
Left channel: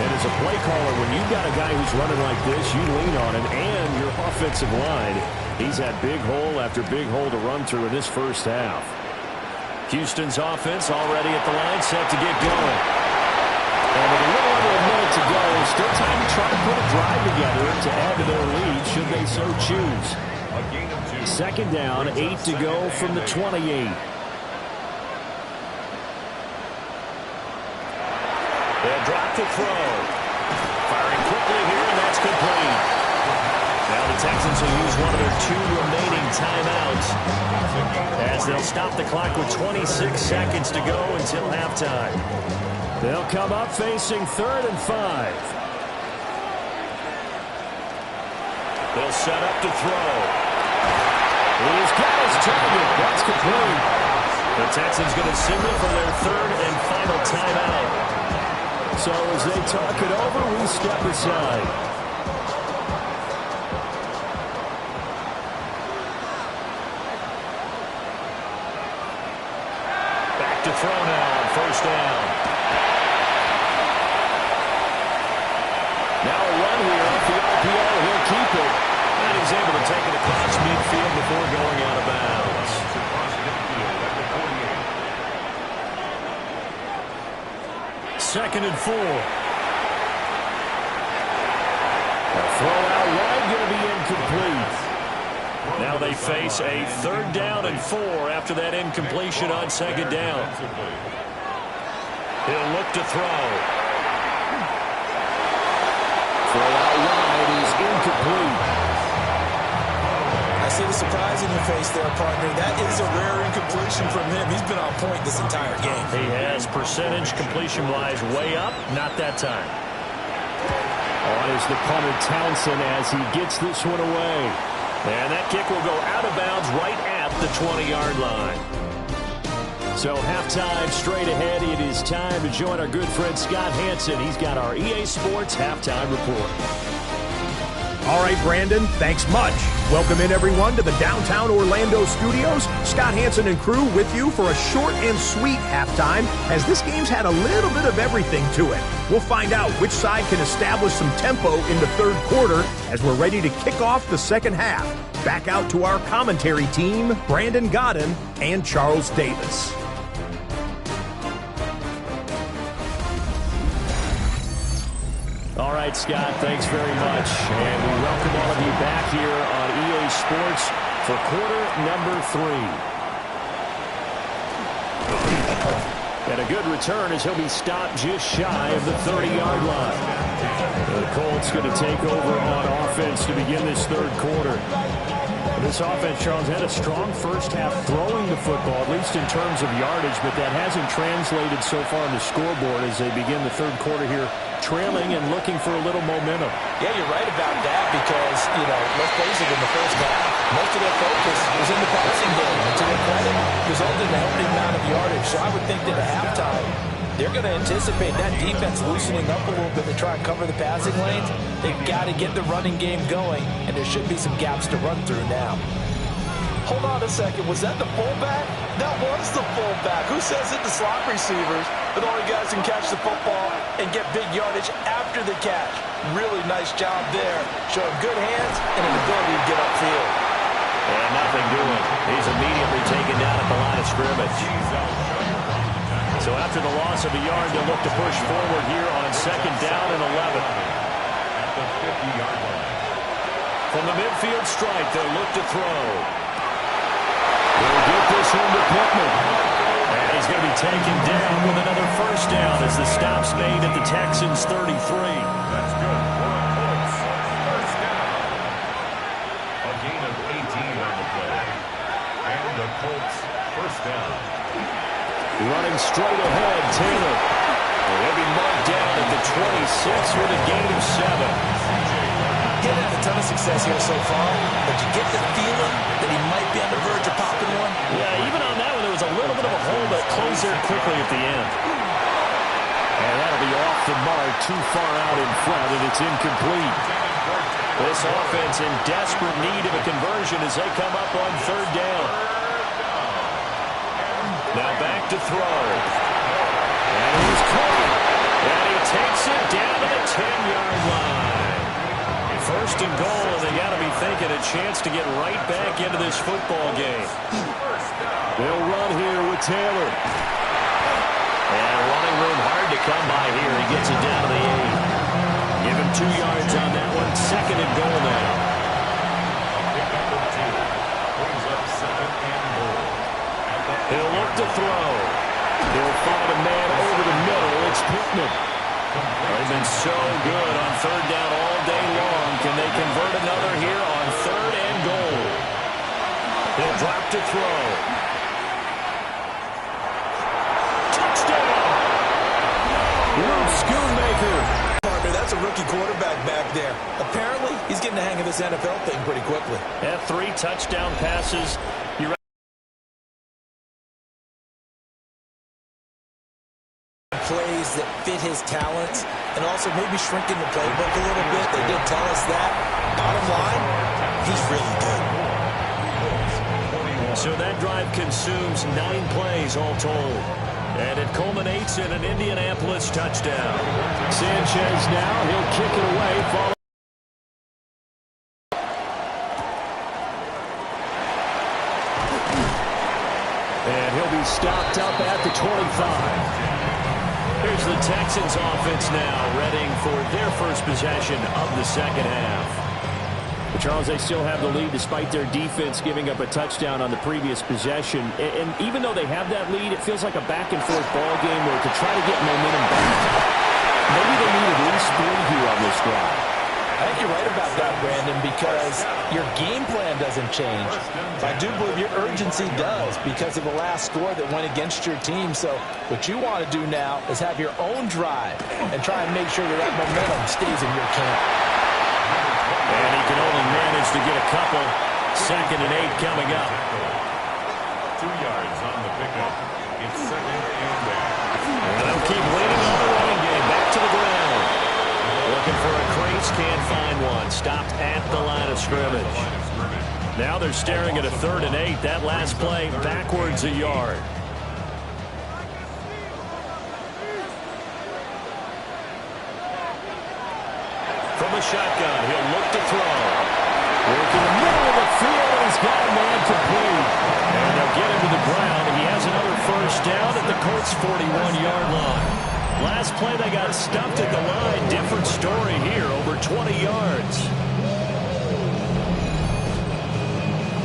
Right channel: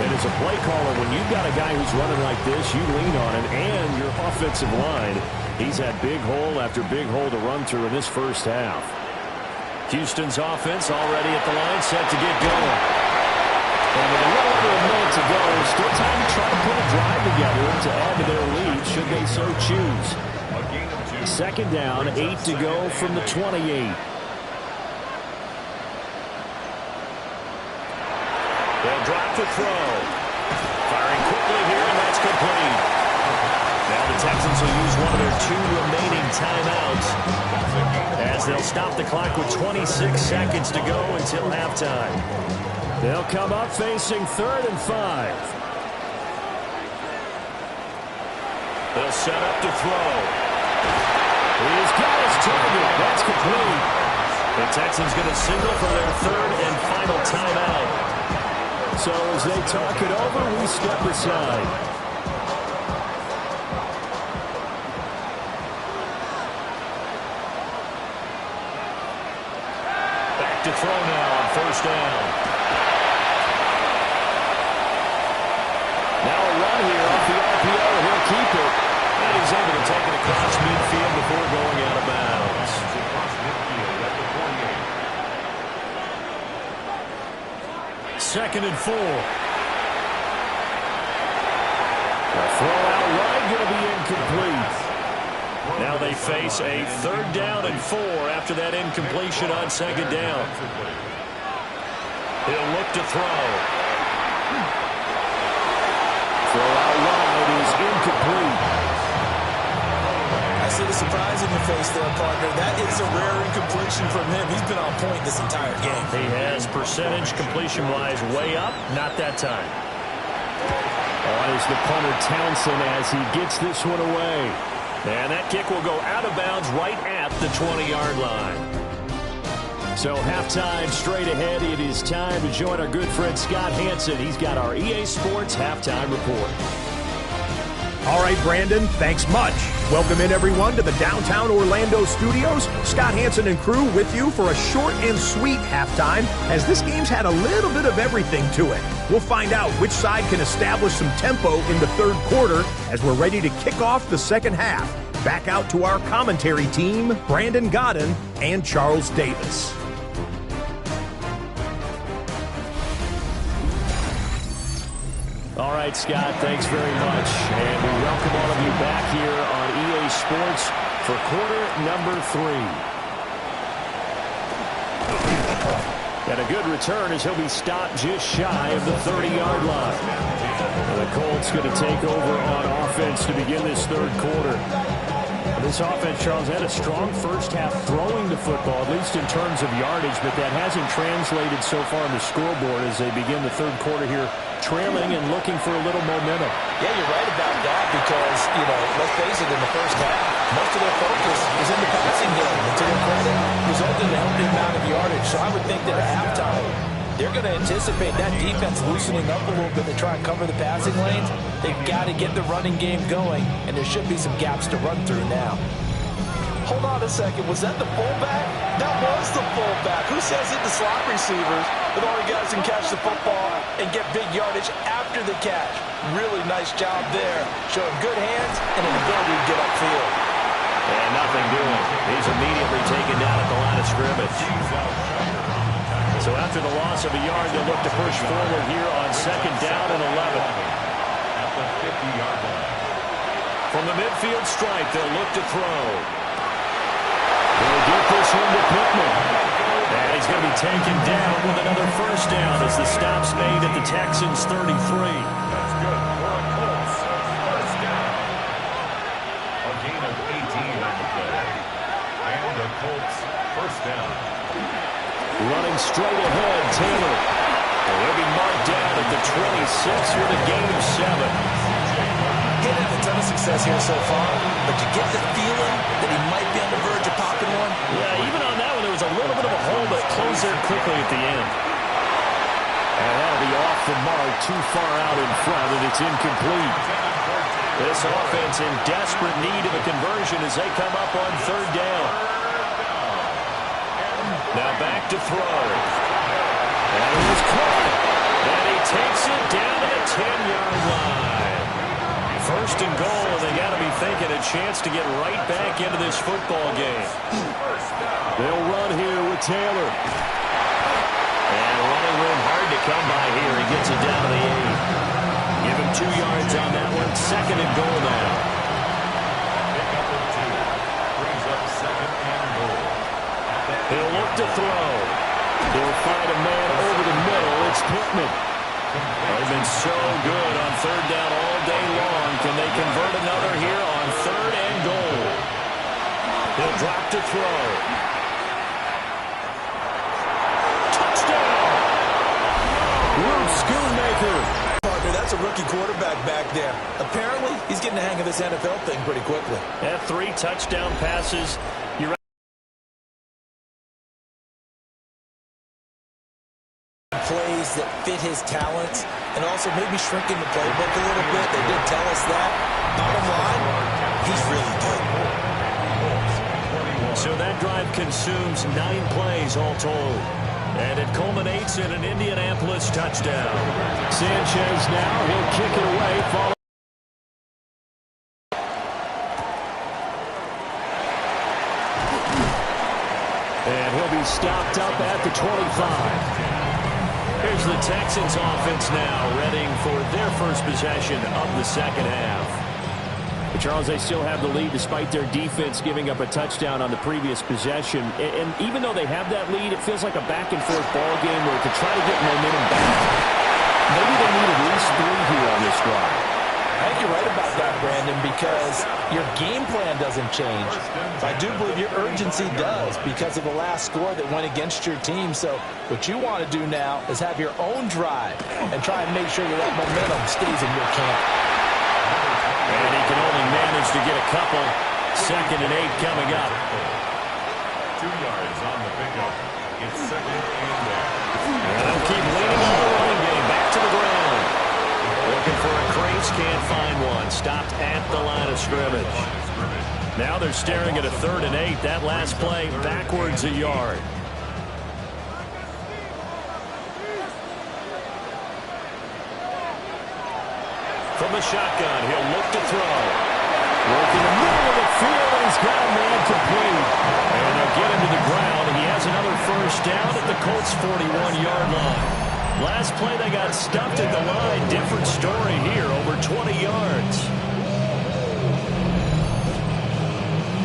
And as a play caller, when you've got a guy who's running like this, you lean on him and your offensive line. He's had big hole after big hole to run through in this first half. Houston's offense already at the line, set to get going. And with a little under a minute to go, still time to try to put a drive together to add to their lead should they so choose. Second down, 8 to go from the 28. They'll drop the throw. Firing quickly here, and that's complete. Now the Texans will use one of their 2 remaining timeouts as they'll stop the clock with 26 seconds to go until halftime. They'll come up facing 3rd and 5. They'll set up to throw. He's got his target. That's complete. The Texans going to signal for their 3rd and final timeout. So as they talk it over, we step aside. Back to throw now on first down. Now a run here off the RPO, and he'll keep it. And he's able to take it across midfield before going out of bounds. Across midfield at the 48. 2nd and 4. A throw out wide, going to be incomplete. Now they face a 3rd down and 4 after that incompletion on 2nd down. He'll look to throw. Throw out wide is incomplete. I see the surprise in your face there, partner. That is a rare incompletion from him. He's been on point this entire game. He has percentage completion-wise way up. Not that time. On is the punter Townsend as he gets this one away. And that kick will go out of bounds right at the 20-yard line. So halftime straight ahead. It is time to join our good friend Scott Hansen. He's got our EA Sports Halftime Report. All right, Brandon, thanks much. Welcome in, everyone, to the downtown Orlando studios. Scott Hansen and crew with you for a short and sweet halftime, as this game's had a little bit of everything to it. We'll find out which side can establish some tempo in the third quarter as we're ready to kick off the second half. Back out to our commentary team, Brandon Godden and Charles Davis. All right, Scott, thanks very much. And we welcome all of you back here on EA Sports for quarter number 3. And a good return as he'll be stopped just shy of the 30-yard line. The Colts going to take over on offense to begin this third quarter. This offense, Charles, had a strong first half throwing the football, at least in terms of yardage, but that hasn't translated so far on the scoreboard as they begin the third quarter here, trailing and looking for a little momentum. Yeah, you're right about that because, let's face it, in the first half, most of their focus was in the passing game. And to their credit, resulted in a healthy amount of yardage. So I would think that at halftime, they're going to anticipate that defense loosening up a little bit to try and cover the passing lanes. They've got to get the running game going, and there should be some gaps to run through now. Hold on a second. Was that the fullback? That was the fullback. Who says it? The slot receivers. But only guys can catch the football and get big yardage after the catch. Really nice job there. Showing good hands and an ability to get upfield. And nothing doing. He's immediately taken down at the line of scrimmage. So after the loss of a yard, they'll look to push forward here on second down and 11. At the 50-yard line. From the midfield stripe, they'll look to throw. They'll get this one to Pittman. And he's going to be taken down with another first down as the stop's made at the Texans' 33. That's good for a Colts. First down. A gain of 18 on the play. And the Colts first down. Running straight ahead, Taylor. He'll be marked down at the 26 with a gain of 7. He hasn't had a ton of success here so far, but you get the feeling that he might be on the verge of popping one. Yeah, even on that one, there was a little bit of a hole that closed there quickly at the end. And that'll be off the mark, too far out in front, and it's incomplete. This offense in desperate need of a conversion as they come up on third down. Now back to throw. And he was caught. And he takes it down to the 10-yard line. First and goal, and they got to be thinking a chance to get right back into this football game. They'll run here with Taylor. And running room hard to come by here. He gets it down to the 8. Give him 2 yards on that one. Second and goal now. A pickup of 2. Brings up second and goal. He'll look to throw. He'll find a man over the middle. It's Pittman. They've been so good on third down all day long. Can they convert another here on third and goal? He'll drop to throw. Touchdown! Luke Schoonmaker. Partner, that's a rookie quarterback back there. Apparently, he's getting the hang of this NFL thing pretty quickly. Had 3 touchdown passes. You're plays that fit his talents and also maybe shrinking the playbook a little bit. They did tell us that. Bottom line, he's really good. So that drive consumes 9 plays all told. And it culminates in an Indianapolis touchdown. Sanchez now, he'll kick it away. And he'll be stopped up at the 25. Here's the Texans offense now, readying for their first possession of the second half. But Charles, they still have the lead despite their defense giving up a touchdown on the previous possession. And even though they have that lead, it feels like a back-and-forth ball game where to try to get momentum back, maybe they need at least 3 here on this drive. I think you're right about that, Brandon, because your game plan doesn't change. But I do believe your urgency does because of the last score that went against your team. So what you want to do now is have your own drive and try and make sure that that momentum stays in your camp. And he can only manage to get a couple. Second and 8 coming up. 2 yards on the pickup. It's second and 8. And they'll keep leaning on the running game. Back to the ground. Looking for a crease, can't find one. Stopped at the line of scrimmage. Now they're staring at a 3rd and 8. That last play backwards a yard. From the shotgun, he'll look to throw. Work in the middle of the field, and he's got a man complete. And they'll get him to the ground, and he has another first down at the Colts' 41-yard line. Last play, they got stuffed at the line. Different story here, over 20 yards.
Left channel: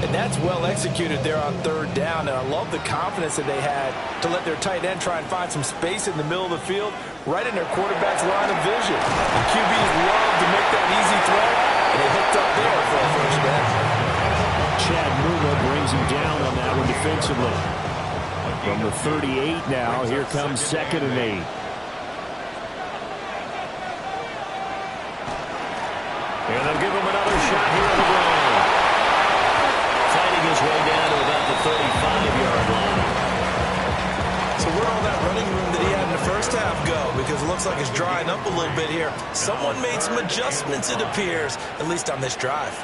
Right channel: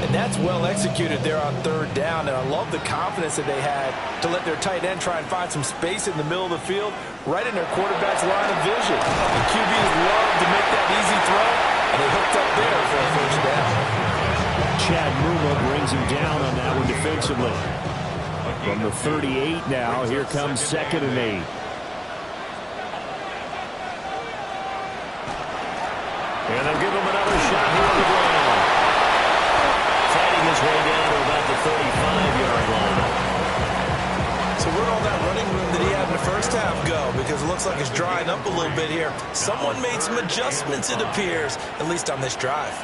And that's well executed there on 3rd down. And I love the confidence that they had to let their tight end try and find some space in the middle of the field, right in their quarterback's line of vision. And QBs love to make that easy throw, and they hooked up there for a first down. Chad Muma brings him down on that one defensively. From the 38 now, here comes 2nd and 8. And they'll give him another shot here on the ground. Fighting his way down to about the 35-yard line. So where'd all that running room that he had in the first half go? Because it looks like it's drying up a little bit here. Someone made some adjustments, it appears, at least on this drive.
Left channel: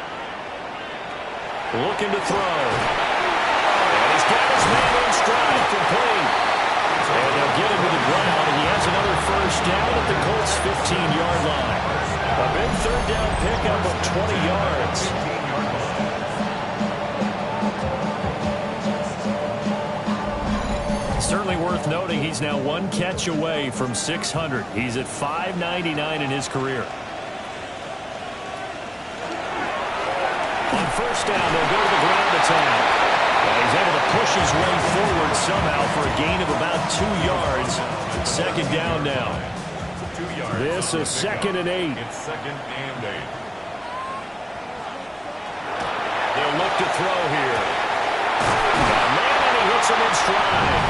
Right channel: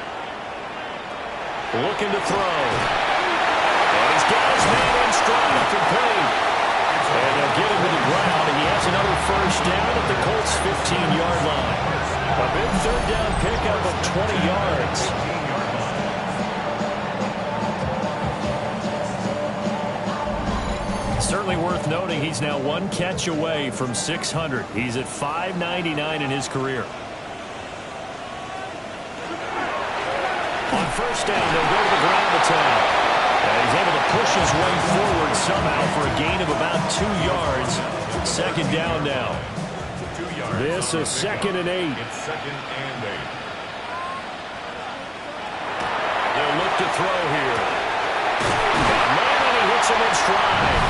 Looking to throw. And he's got his man in stride, complete. And they'll get him to the ground, and he has another first down at the Colts' 15-yard line. A big 3rd down pickup of 20 yards. Certainly worth noting he's now 1 catch away from 600. He's at 599 in his career. On first down, they'll go to the ground attack. And he's able to push his way forward somehow for a gain of about 2 yards. 2nd down now. This is 2nd and 8. It's 2nd and 8. They'll look to throw here. Got a man, and he hits him in stride.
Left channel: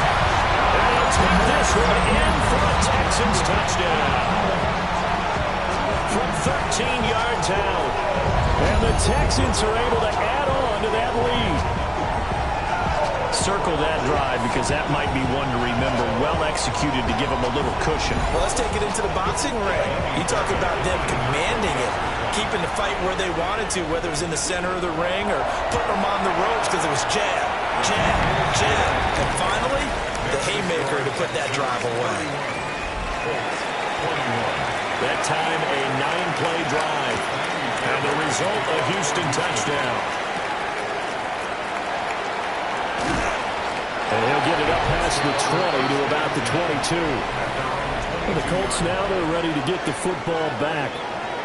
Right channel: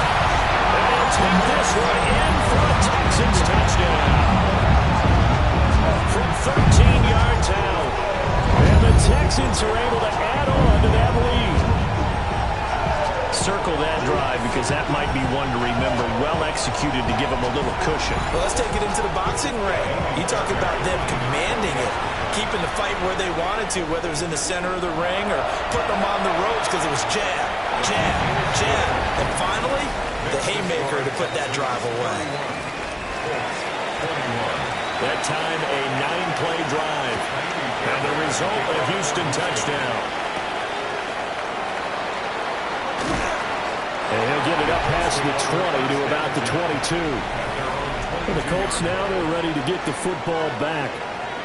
And he'll take this one in for a Texans touchdown. From 13 yards out. And the Texans are able to add on to that lead. Circle that drive because that might be one to remember. Well executed to give them a little cushion. Well, let's take it into the boxing ring. You talk about them commanding it, keeping the fight where they wanted to, whether it was in the center of the ring or putting them on the ropes because it was jab, jab, jab. And finally, the haymaker to put that drive away. 21. That time a 9-play drive. And the result, a Houston touchdown. And he'll get it up past the 20 to about the 22. Well, the Colts now, they're ready to get the football back.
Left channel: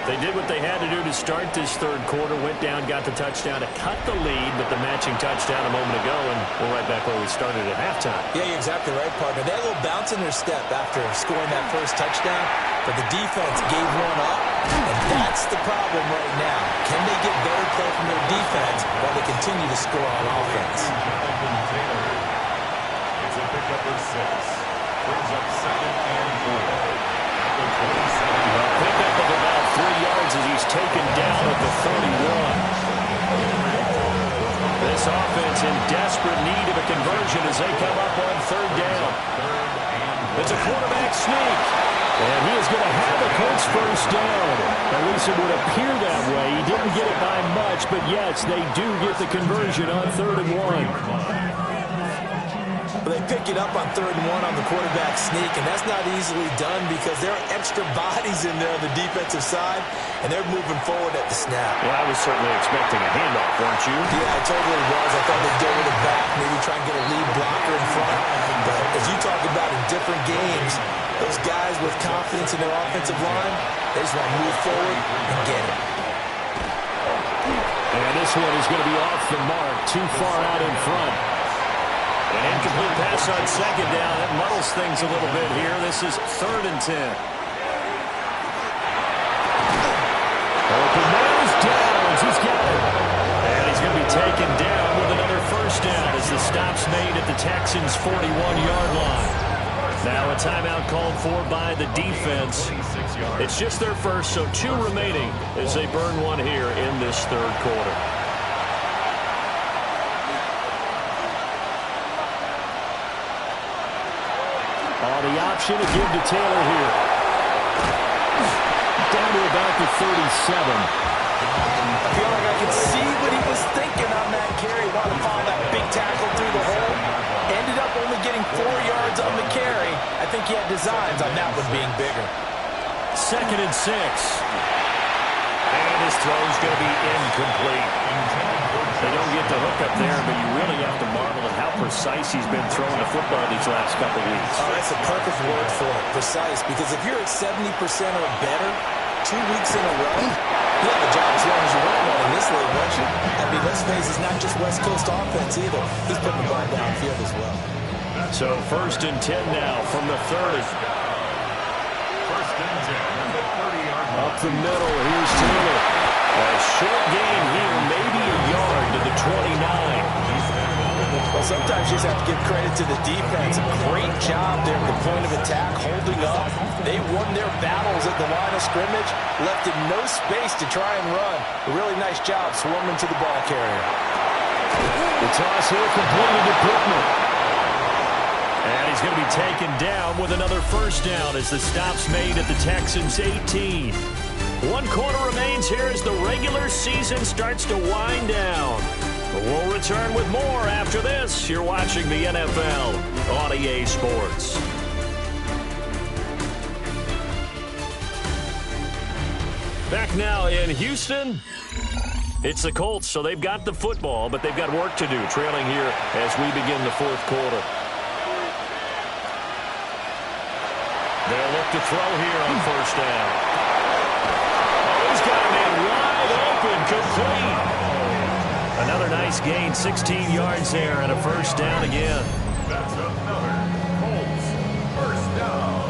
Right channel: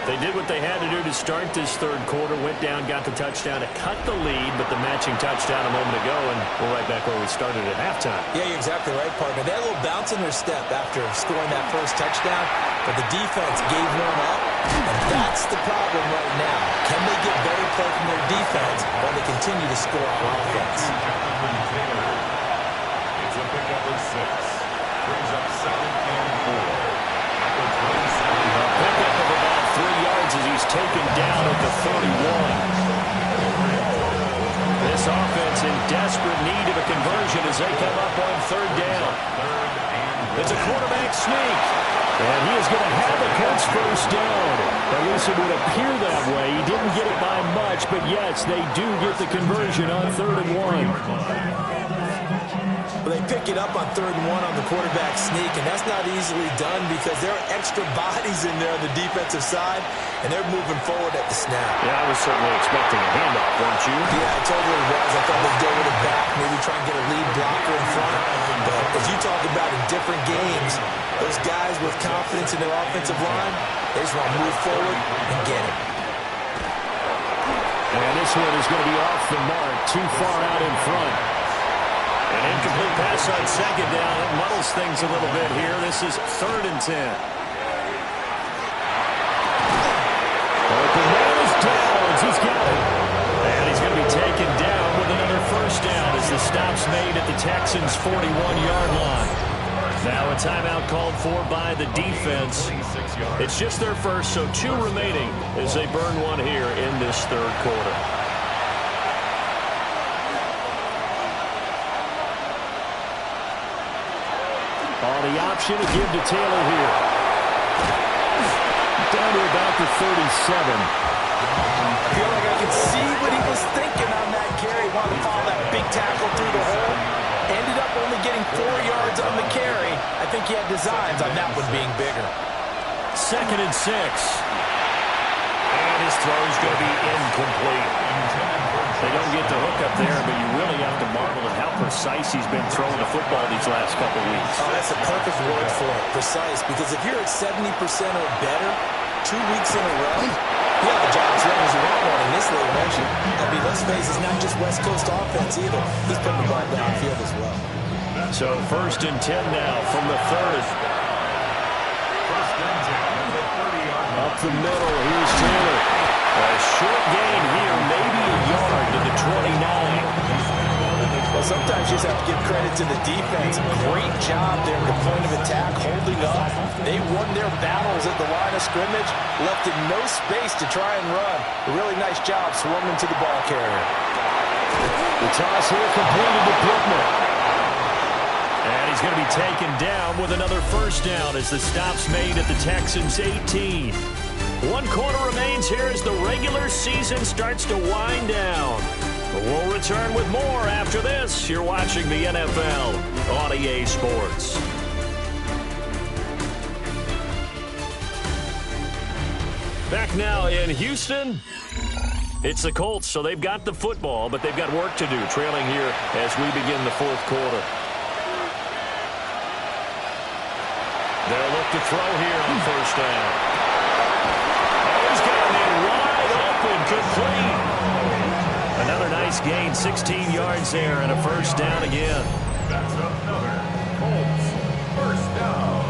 They did what they had to do to start this 3rd quarter, went down, got the touchdown to cut the lead, but the matching touchdown a moment ago, and we're right back where we started at halftime. Yeah, you're exactly right, partner. They had a little bounce in their step after scoring that first touchdown, but the defense gave one up, and that's the problem right now. Can they get better play from their defense while they continue to score on offense? It's a pickup of 6. Brings up 2nd and 4. At the 27. A pickup of about 3 yards as he's taken down at the 31. This offense in desperate need of a conversion as they come up on 3rd down. It's a quarterback sneak. And he is going to have the Colts first down. At least it would appear that way. He didn't get it by much, but yes, they do get the conversion on 3rd and 1. Well, they pick it up on 3rd and 1 on the quarterback sneak, and that's not easily done because there are extra bodies in there on the defensive side, and they're moving forward at the snap. Yeah, I was certainly expecting a handoff, weren't you? Yeah, I totally was. I thought they'd go with it back, maybe try and get a lead blocker in front. But as you talk about in different games, those guys with confidence in their offensive line, they just want to move forward and get it. And this one is going to be off the mark, too far out in front. An incomplete pass on 2nd down. It muddles things a little bit here. This is 3rd and 10. Open man is Downs. He's got it. And he's going to be taken down with another first down as the stop's made at the Texans' 41-yard line. Now a timeout called for by the defense. It's just their first, so 2 remaining as they burn one here in this 3rd quarter. The option to give to Taylor here. down to about the 37. I feel like I could see what he was thinking on that carry. Wanted to follow that big tackle through the hole. Ended up only getting 4 yards on the carry. I think he had designs on that one being bigger. 2nd and 6. And his throw's going to be incomplete. They don't get the hook up there, but you really have to marvel at how precise he's been throwing the football these last couple weeks. Oh, that's a perfect word for it, precise. Because if you're at 70% or better 2 weeks in a row, you have a job as long as you want one in this league, won't you? I mean, let's face it, it's not just West Coast offense either. He's putting the ball downfield as well. So 1st and 10 now from the 30. 1st and 10 at the 30-yard line. Up the middle, here's Taylor. A short gain here, maybe a yard to the 29. Well, sometimes you just have to give credit to the defense. Great job there at the point of attack, holding up. They won their battles at the line of scrimmage, left in no space to try and run. A really nice job swarming to the ball carrier. The toss here completed to Pittman. And he's going to be taken down with another 1st down as the stop's made at the Texans' 18. 1 quarter remains here as the regular season starts to wind down. We'll return with more after this. You're watching the NFL on EA Sports. Back now in Houston. It's the Colts, so they've got the football, but they've got work to do, trailing here as we begin the 4th quarter. They'll look to throw here on 1st down. Oh, he's got a man wide open, complete. Another nice gain, 16 yards there, and a 1st down again. That's another Colts 1st down.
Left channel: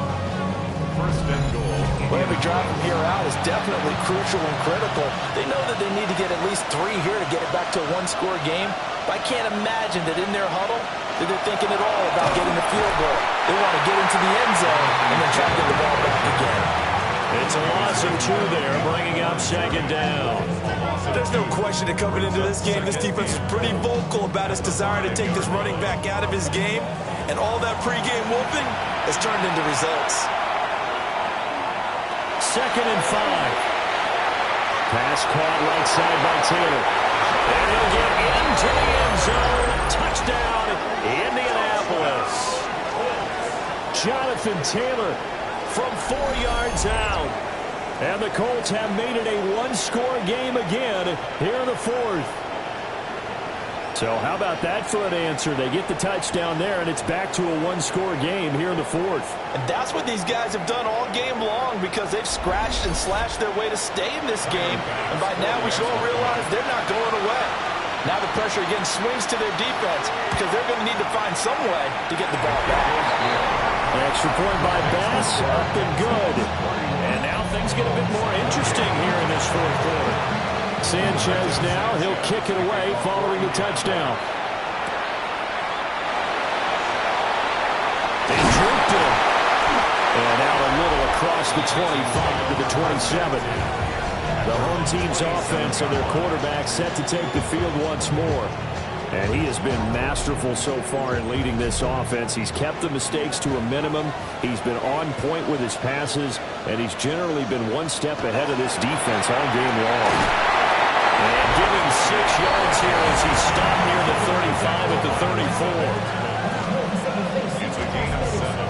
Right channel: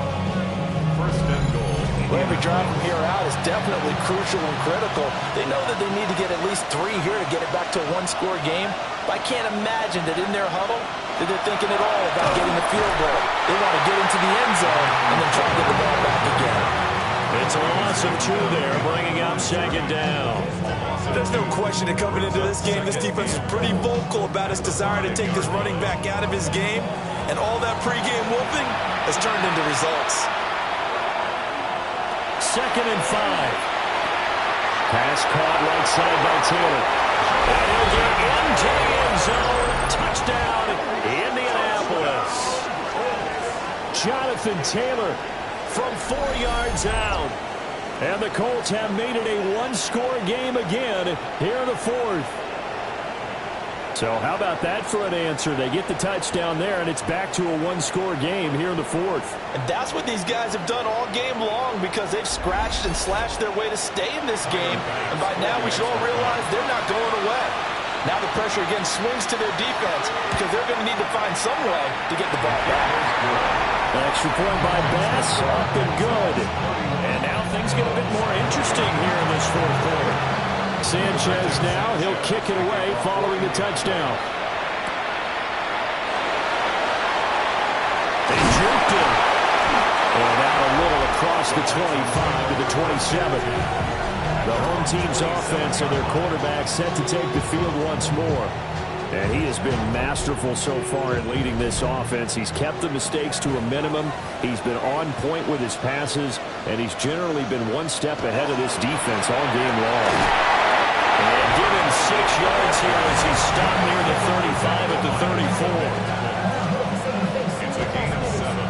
1st and goal. Well, every drive from here out is definitely crucial and critical. They know that they need to get at least 3 here to get it back to a 1-score game. But I can't imagine that in their huddle that they're thinking at all about getting the field goal. They want to get into the end zone and then try to get the ball back again. It's a loss of 2 there, bringing up 2nd down. There's no question that coming into this game, this defense is pretty vocal about its desire to take this running back out of his game. And all that pregame whooping has turned into results. 2nd and 5. Pass caught right side by Taylor. And he'll get into the end zone. Touchdown, Indianapolis. Jonathan Taylor from 4 yards out. And the Colts have made it a 1-score game again here in the 4th. So how about that for an answer? They get the touchdown there, and it's back to a 1-score game here in the 4th. And that's what these guys have done all game long because they've scratched and slashed their way to stay in this game. And by now we should all realize they're not going away. Now the pressure again swings to their defense because they're going to need to find some way to get the ball back. An extra point by Bass, up and good. And now things get a bit more interesting here in this 4th quarter. Sanchez now, he'll kick it away following the touchdown. They juked him. And out a little across the 25 to the 27. The home team's offense and their quarterback set to take the field once more. And he has been masterful so far in leading this offense. He's kept the mistakes to a minimum. He's been on point with his passes. And he's generally been 1 step ahead of this defense all game long. And give him 6 yards here as he's stopped near the 35 at the 34. It's a gain of 7.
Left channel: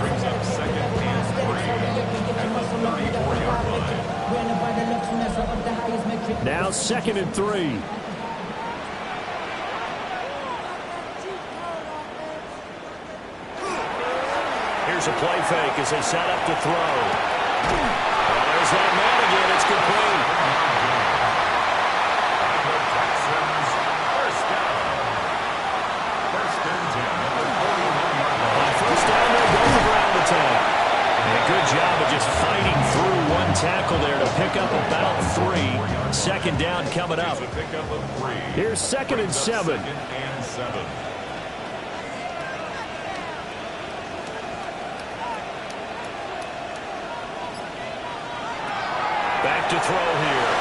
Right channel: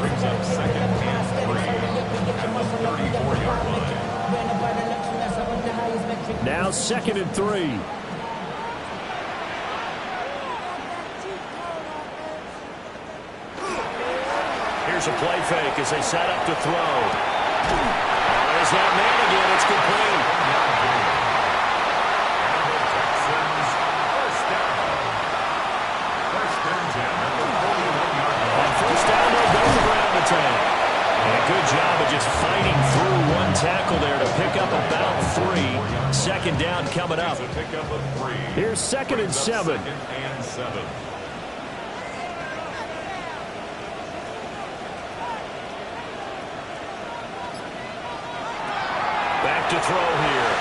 Brings up 2nd and 3 at the 34-yard line. Now 2nd and 3. Here's a play fake as they set up to throw. Oh, there's that man again. It's complete. And the Texans 1st down. 1st and 10 at the 41-yard line. On 1st down, they'll go the ground attack. And a good job of just fighting through 1 tackle there to pick up about 3. 2nd down coming up. Here's 2nd and 7. 2nd and 7. Back to throw here.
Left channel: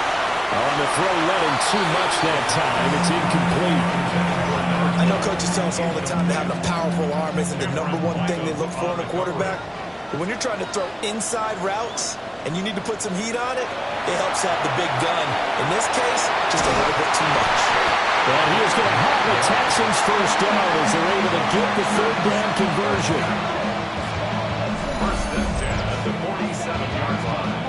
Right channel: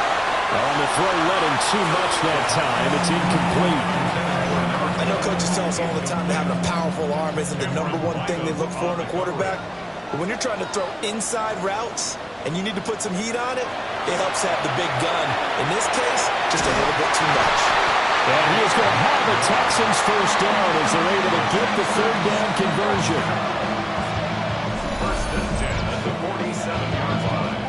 On the throw, let him too much that time. It's incomplete. I know coaches tell us all the time that having a powerful arm isn't the #1 thing they look for in a quarterback. But when you're trying to throw inside routes, and you need to put some heat on it, it helps have the big gun. In this case, just a little bit too much. And he is going to have a Texans first down as they're able to get the third down conversion. First and 10 at the 47-yard line.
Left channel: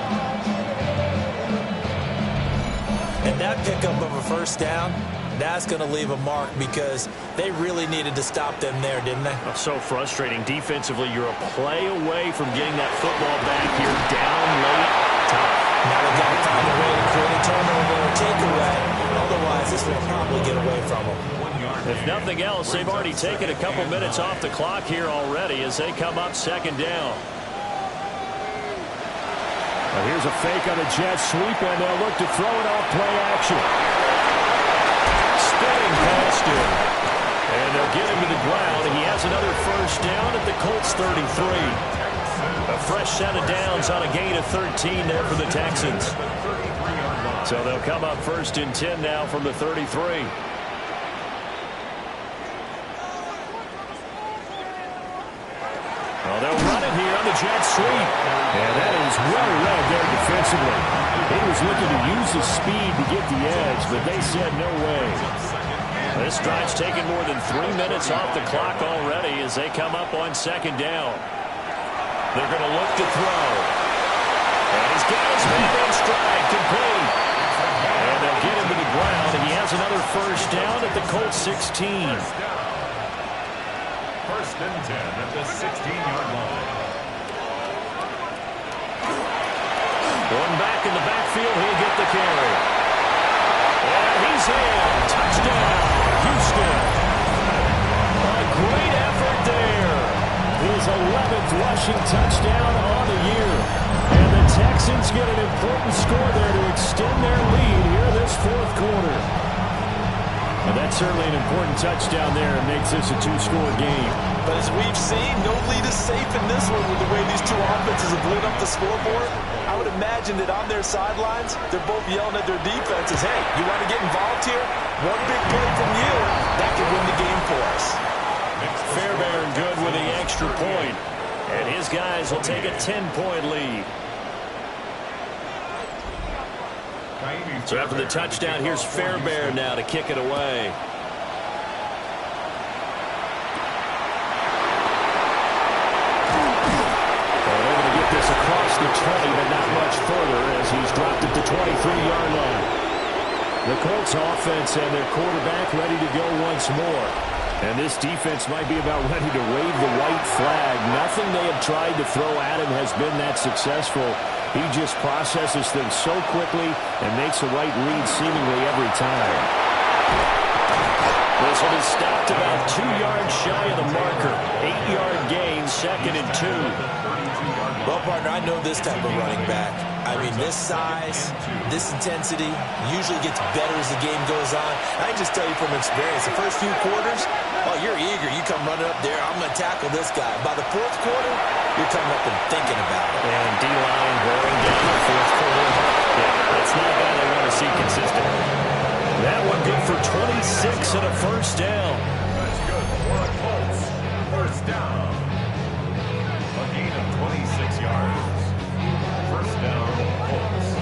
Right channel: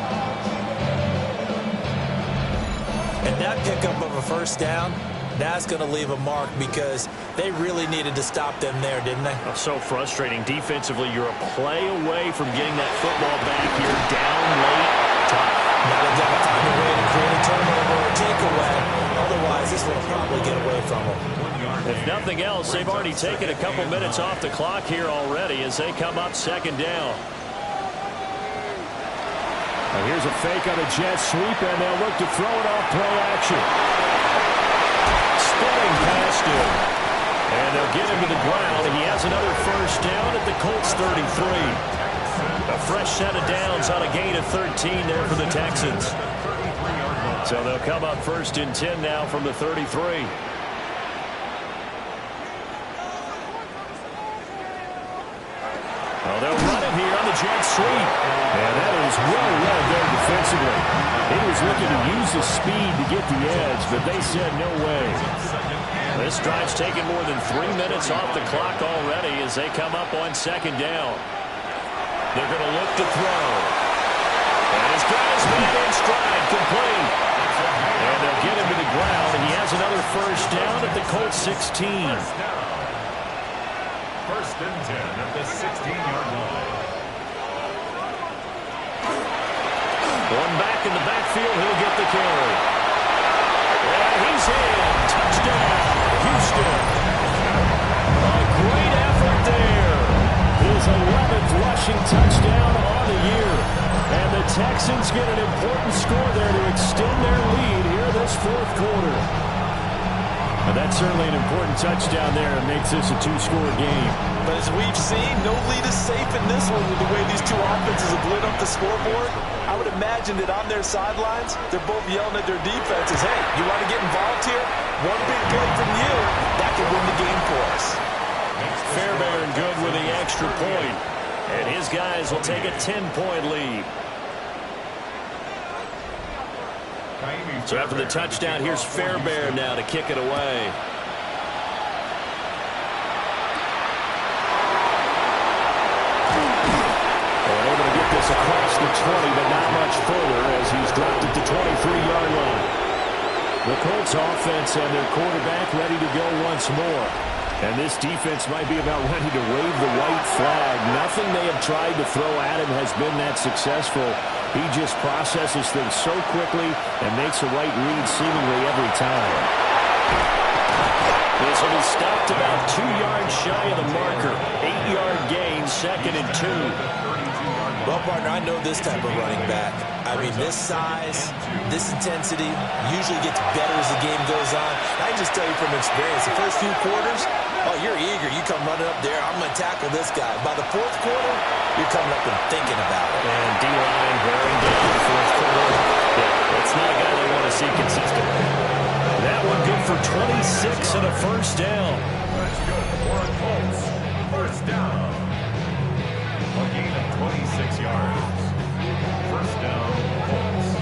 And that pickup of a first down, that's going to leave a mark because they really needed to stop them there, didn't they? Oh, so frustrating. Defensively, you're a play away from getting that football back here down late. Tough. Now they've got to find a way to create a turnover or takeaway. Otherwise, this will probably get away from them. If nothing else, they've already taken a couple minutes off the clock here already as they come up second down. Well, here's a fake on the jet sweep, and they'll look to throw it off play action. Spinning past him. And they'll get him to the ground. He has another first down at the Colts 33. A fresh set of downs on a gain of 13 there for the Texans. So they'll come up first and 10 now from the 33. Well, they'll run it here on the jet sweep. And that is well read there defensively. He was looking to use his speed to get the edge, but they said no way. This drive's taken more than 3 minutes off the clock already as they come up on second down. They're going to look to throw. And he's got his man in stride, complete. And they'll get him to the ground, and he has another first down at the Colts 16. First and 10 at the 16-yard line. One back in the backfield, he'll get the carry. And he's in. Touchdown, Houston. A great effort there. His 11th rushing touchdown on the year. And the Texans get an important score there to extend their lead here this fourth quarter. And that's certainly an important touchdown there. It makes this a two-score game. But as we've seen, no lead is safe in this one with the way these two offenses have lit up the scoreboard. I would imagine that on their sidelines, they're both yelling at their defenses, hey, you want to get involved here? One big play from you, that could win the game for us. Fairbairn good with the extra point. And his guys will take a 10-point lead. So after the touchdown, here's Fairbairn now to kick it away. And able to get this across the 20, but not much further as he's dropped it to 23-yard line. The Colts offense and their quarterback ready to go once more. And this defense might be about ready to wave the white flag. Nothing they have tried to throw at him has been that successful. He just processes things so quickly and makes a right read seemingly every time. This will be stopped about 2 yards shy of the marker. 8-yard gain, second and 2. Well, partner, I know this type of running back. I mean, this size, this intensity usually gets better as the game goes on. I can just tell you from experience, the first few quarters, oh, you're eager. You come running up there, I'm going to tackle this guy. By the fourth quarter, you're coming up and thinking about it. And D-line wearing down the fourth quarter. Yeah, that's not a guy they want to see consistently. That one good for 26 and a first down. That's good for a Colts. First down. A gain of 26 yards. First down, Colts.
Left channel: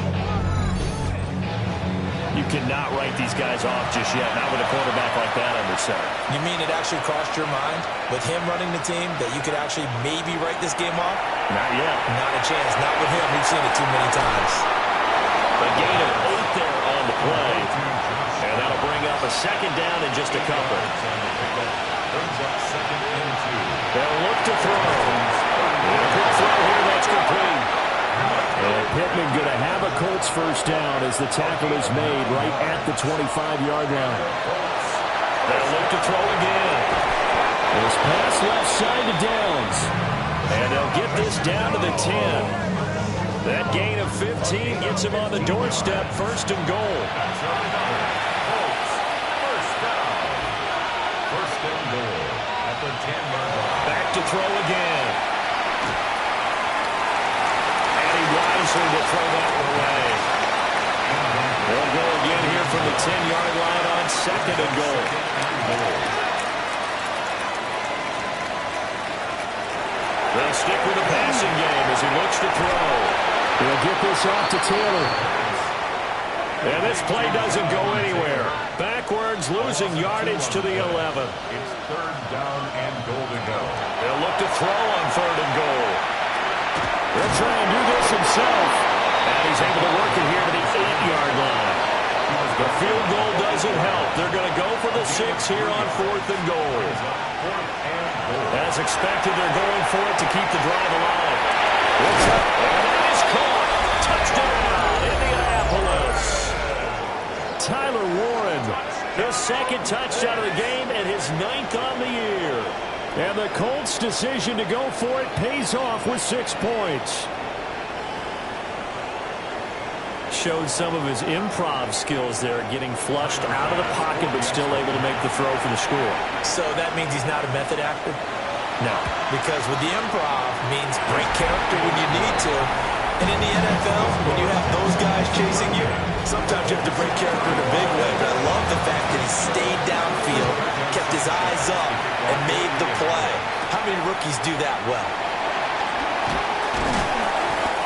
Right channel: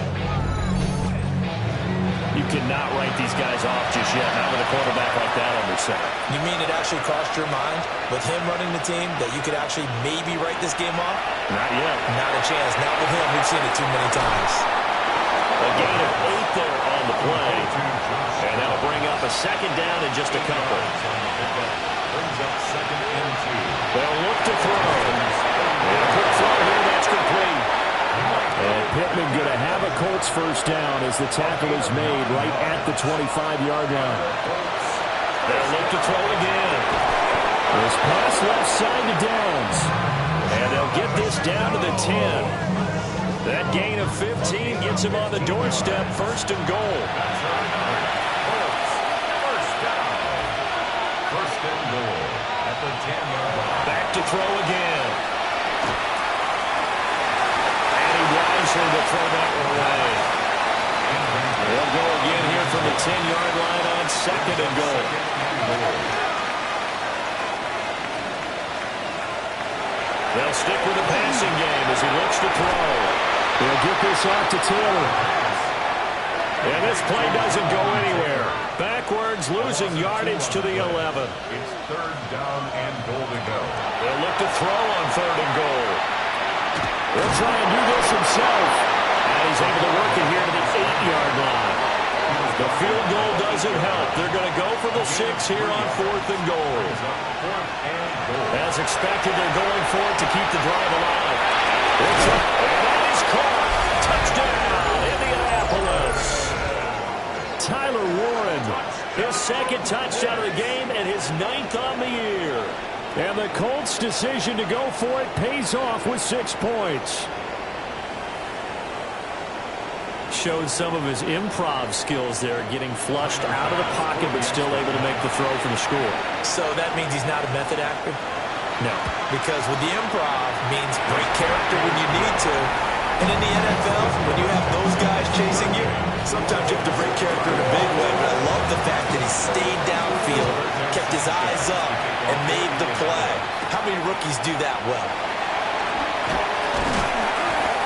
You cannot write these guys off just yet, not with a quarterback like that under center. You mean it actually crossed your mind with him running the team that you could actually maybe write this game off? Not yet. Not a chance. Not with him. We've seen it too many times. A gain of 8 there on the play. And that'll bring up a second down in just a couple. Brings up second and 2. They'll look to throw. And a quick throw here, that's complete. And Pittman going to have a Colts first down as the tackle is made right at the 25-yard line. They'll look to throw again. This pass left side to Downs. And they'll get this down to the 10. That gain of 15 gets him on the doorstep, first and goal. That's another. Colts, first down. First and goal at the 10-yard line. Back to throw again. And he wisely will throw that one away. They'll go again here from the 10-yard line on second and goal. They'll stick with the passing game as he looks to throw. He'll get this off to Taylor. And this play doesn't go anywhere. Backwards, losing yardage to the 11. It's third down and goal to go. They'll look to throw on third and goal. He'll try and do this himself. And he's able to work it here to the 8-yard line. The field goal doesn't help. They're going to go for the 6 here on fourth and goal. As expected, they're going for it to keep the drive alive. And that is caught. Touchdown, Indianapolis. Tyler Warren, His second touchdown of the game and his 9th on the year. And the Colts' decision to go for it pays off with 6 points. Showed some of his improv skills there, getting flushed out of the pocket but still able to make the throw for the score. So that means he's not a method actor? No. Because with the improv means break character when you need to. And in the NFL, when you have those guys chasing you, sometimes you have to break character in a big way. But I love the fact that he stayed downfield, kept his eyes up, and made the play. How many rookies do that well?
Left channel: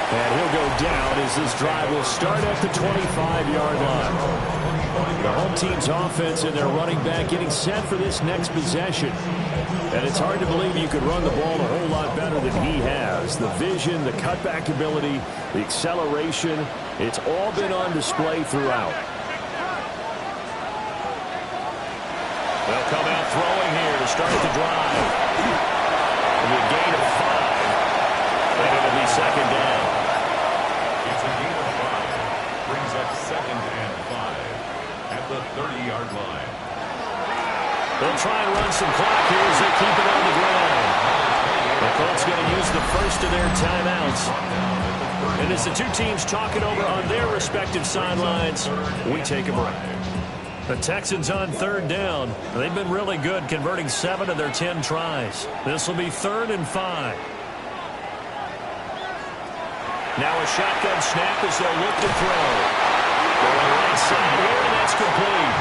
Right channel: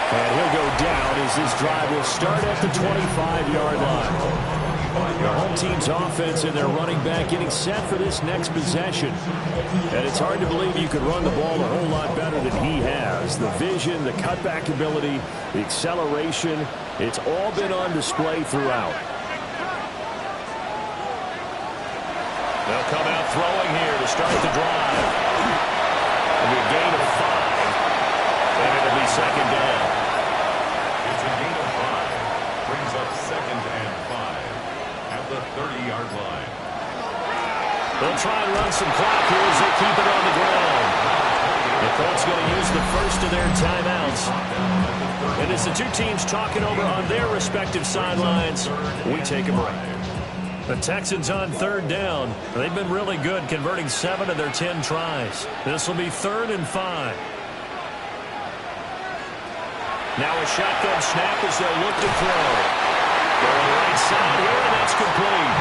And he'll go down as this drive will start at the 25-yard line. The home team's offense and their running back getting set for this next possession. And it's hard to believe you could run the ball a whole lot better than he has. The vision, the cutback ability, the acceleration, it's all been on display throughout. They'll come out throwing here to start the drive. It'll be a gain of 5. And it'll be second down. It's a gain of 5. Brings up second and 5 at the 30-yard line. They'll try and run some clock here as they keep it on the ground. The Colts going to use the first of their timeouts. And as the two teams talk it over on their respective sidelines, we take a break. The Texans on third down. They've been really good, converting 7 of their 10 tries. This will be 3rd and 5. Now a shotgun snap as they'll look to throw. Going right side here, and that's complete.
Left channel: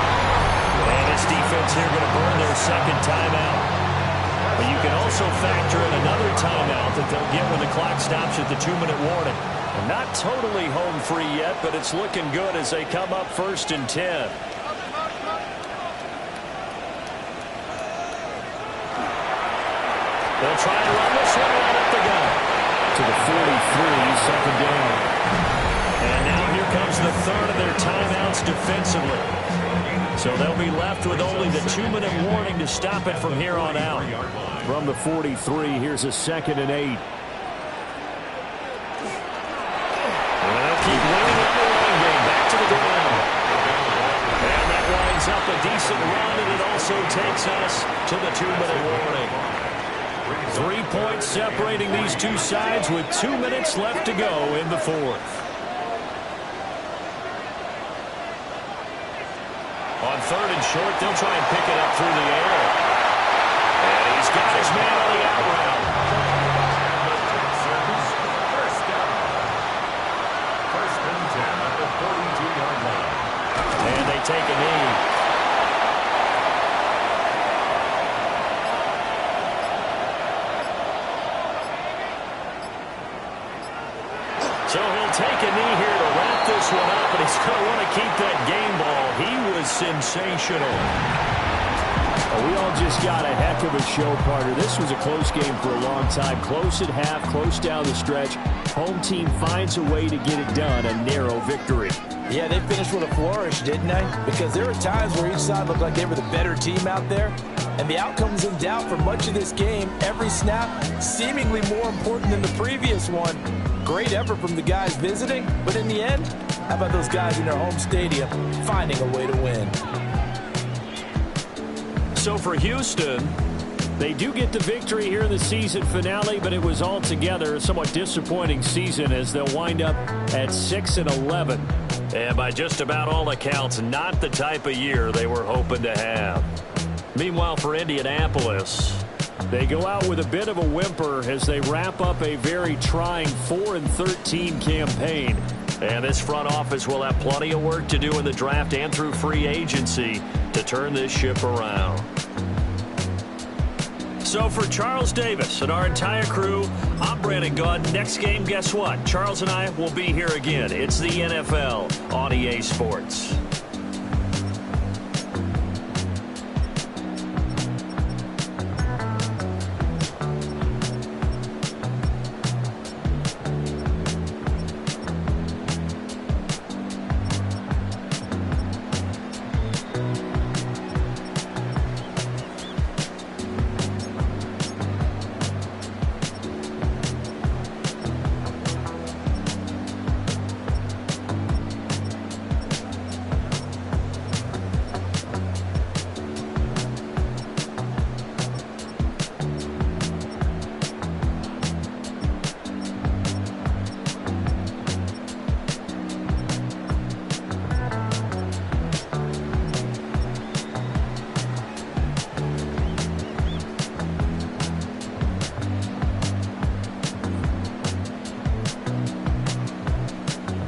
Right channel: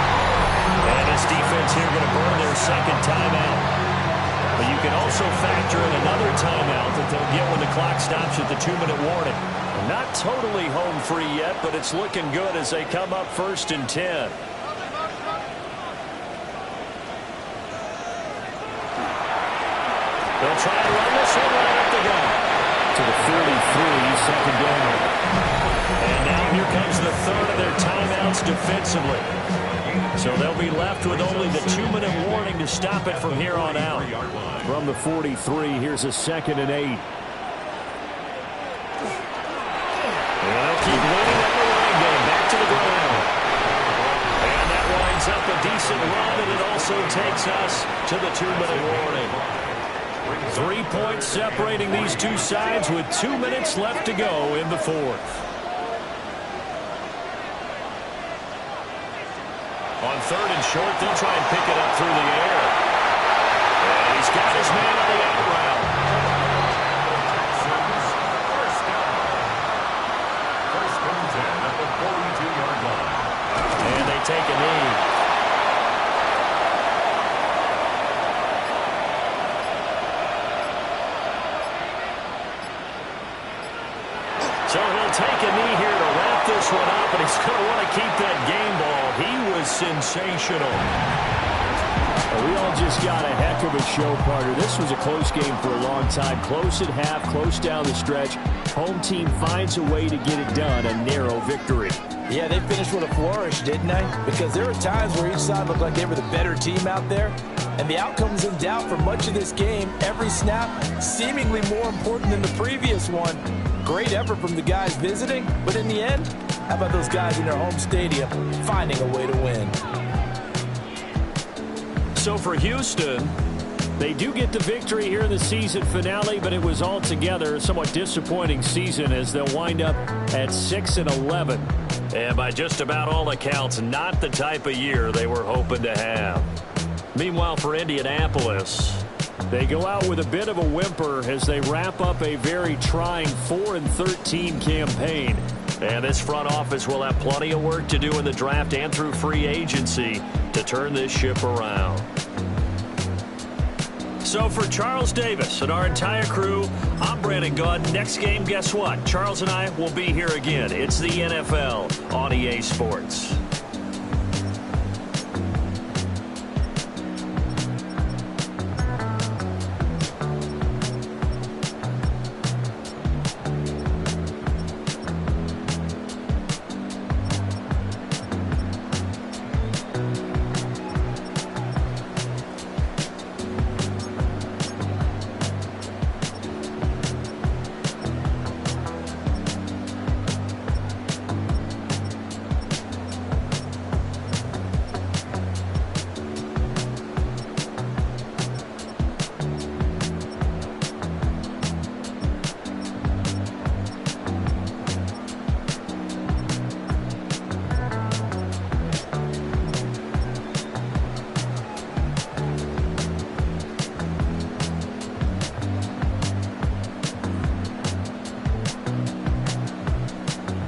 And this defense here going to burn their second timeout. But you can also factor in another timeout that they'll get when the clock stops at the 2-minute warning. And not totally home free yet, but it's looking good as they come up 1st and 10. They'll try and run this one right up the gut. To the 43, second down. And now here comes the 3rd of their timeouts defensively. So they'll be left with only the 2-minute warning to stop it from here on out. From the 43, here's a 2nd and 8. And they'll keep leaning on the running game. Back to the ground. And that winds up a decent run, and it also takes us to the 2-minute warning. 3 points separating these two sides with 2 minutes left to go in the 4th. On 3rd and short, they'll try and pick it up through the air. And he's got his man on the out route. And the Texans first down. 1st and 10 at the 42-yard line. And they take a knee. So he'll take a knee here to wrap this one up, and he's going to want to keep that game ball. He was sensational. Well, we all just got a heck of a show, partner. This was a close game for a long time. Close at half, close down the stretch. Home team finds a way to get it done, a narrow victory. Yeah, they finished with a flourish, didn't they? Because there were times where each side looked like they were the better team out there. And the outcome's in doubt for much of this game. Every snap seemingly more important than the previous one. Great effort from the guys visiting, but in the end, how about those guys in their home stadium finding a way to win? So for Houston, they do get the victory here in the season finale, but it was altogether a somewhat disappointing season as they'll wind up at 6-11. And by just about all accounts, not the type of year they were hoping to have. Meanwhile, for Indianapolis, they go out with a bit of a whimper as they wrap up a very trying 4-13 campaign. And this front office will have plenty of work to do in the draft and through free agency to turn this ship around. So for Charles Davis and our entire crew, I'm Brandon Gunn. Next game, guess what? Charles and I will be here again. It's the NFL on EA Sports.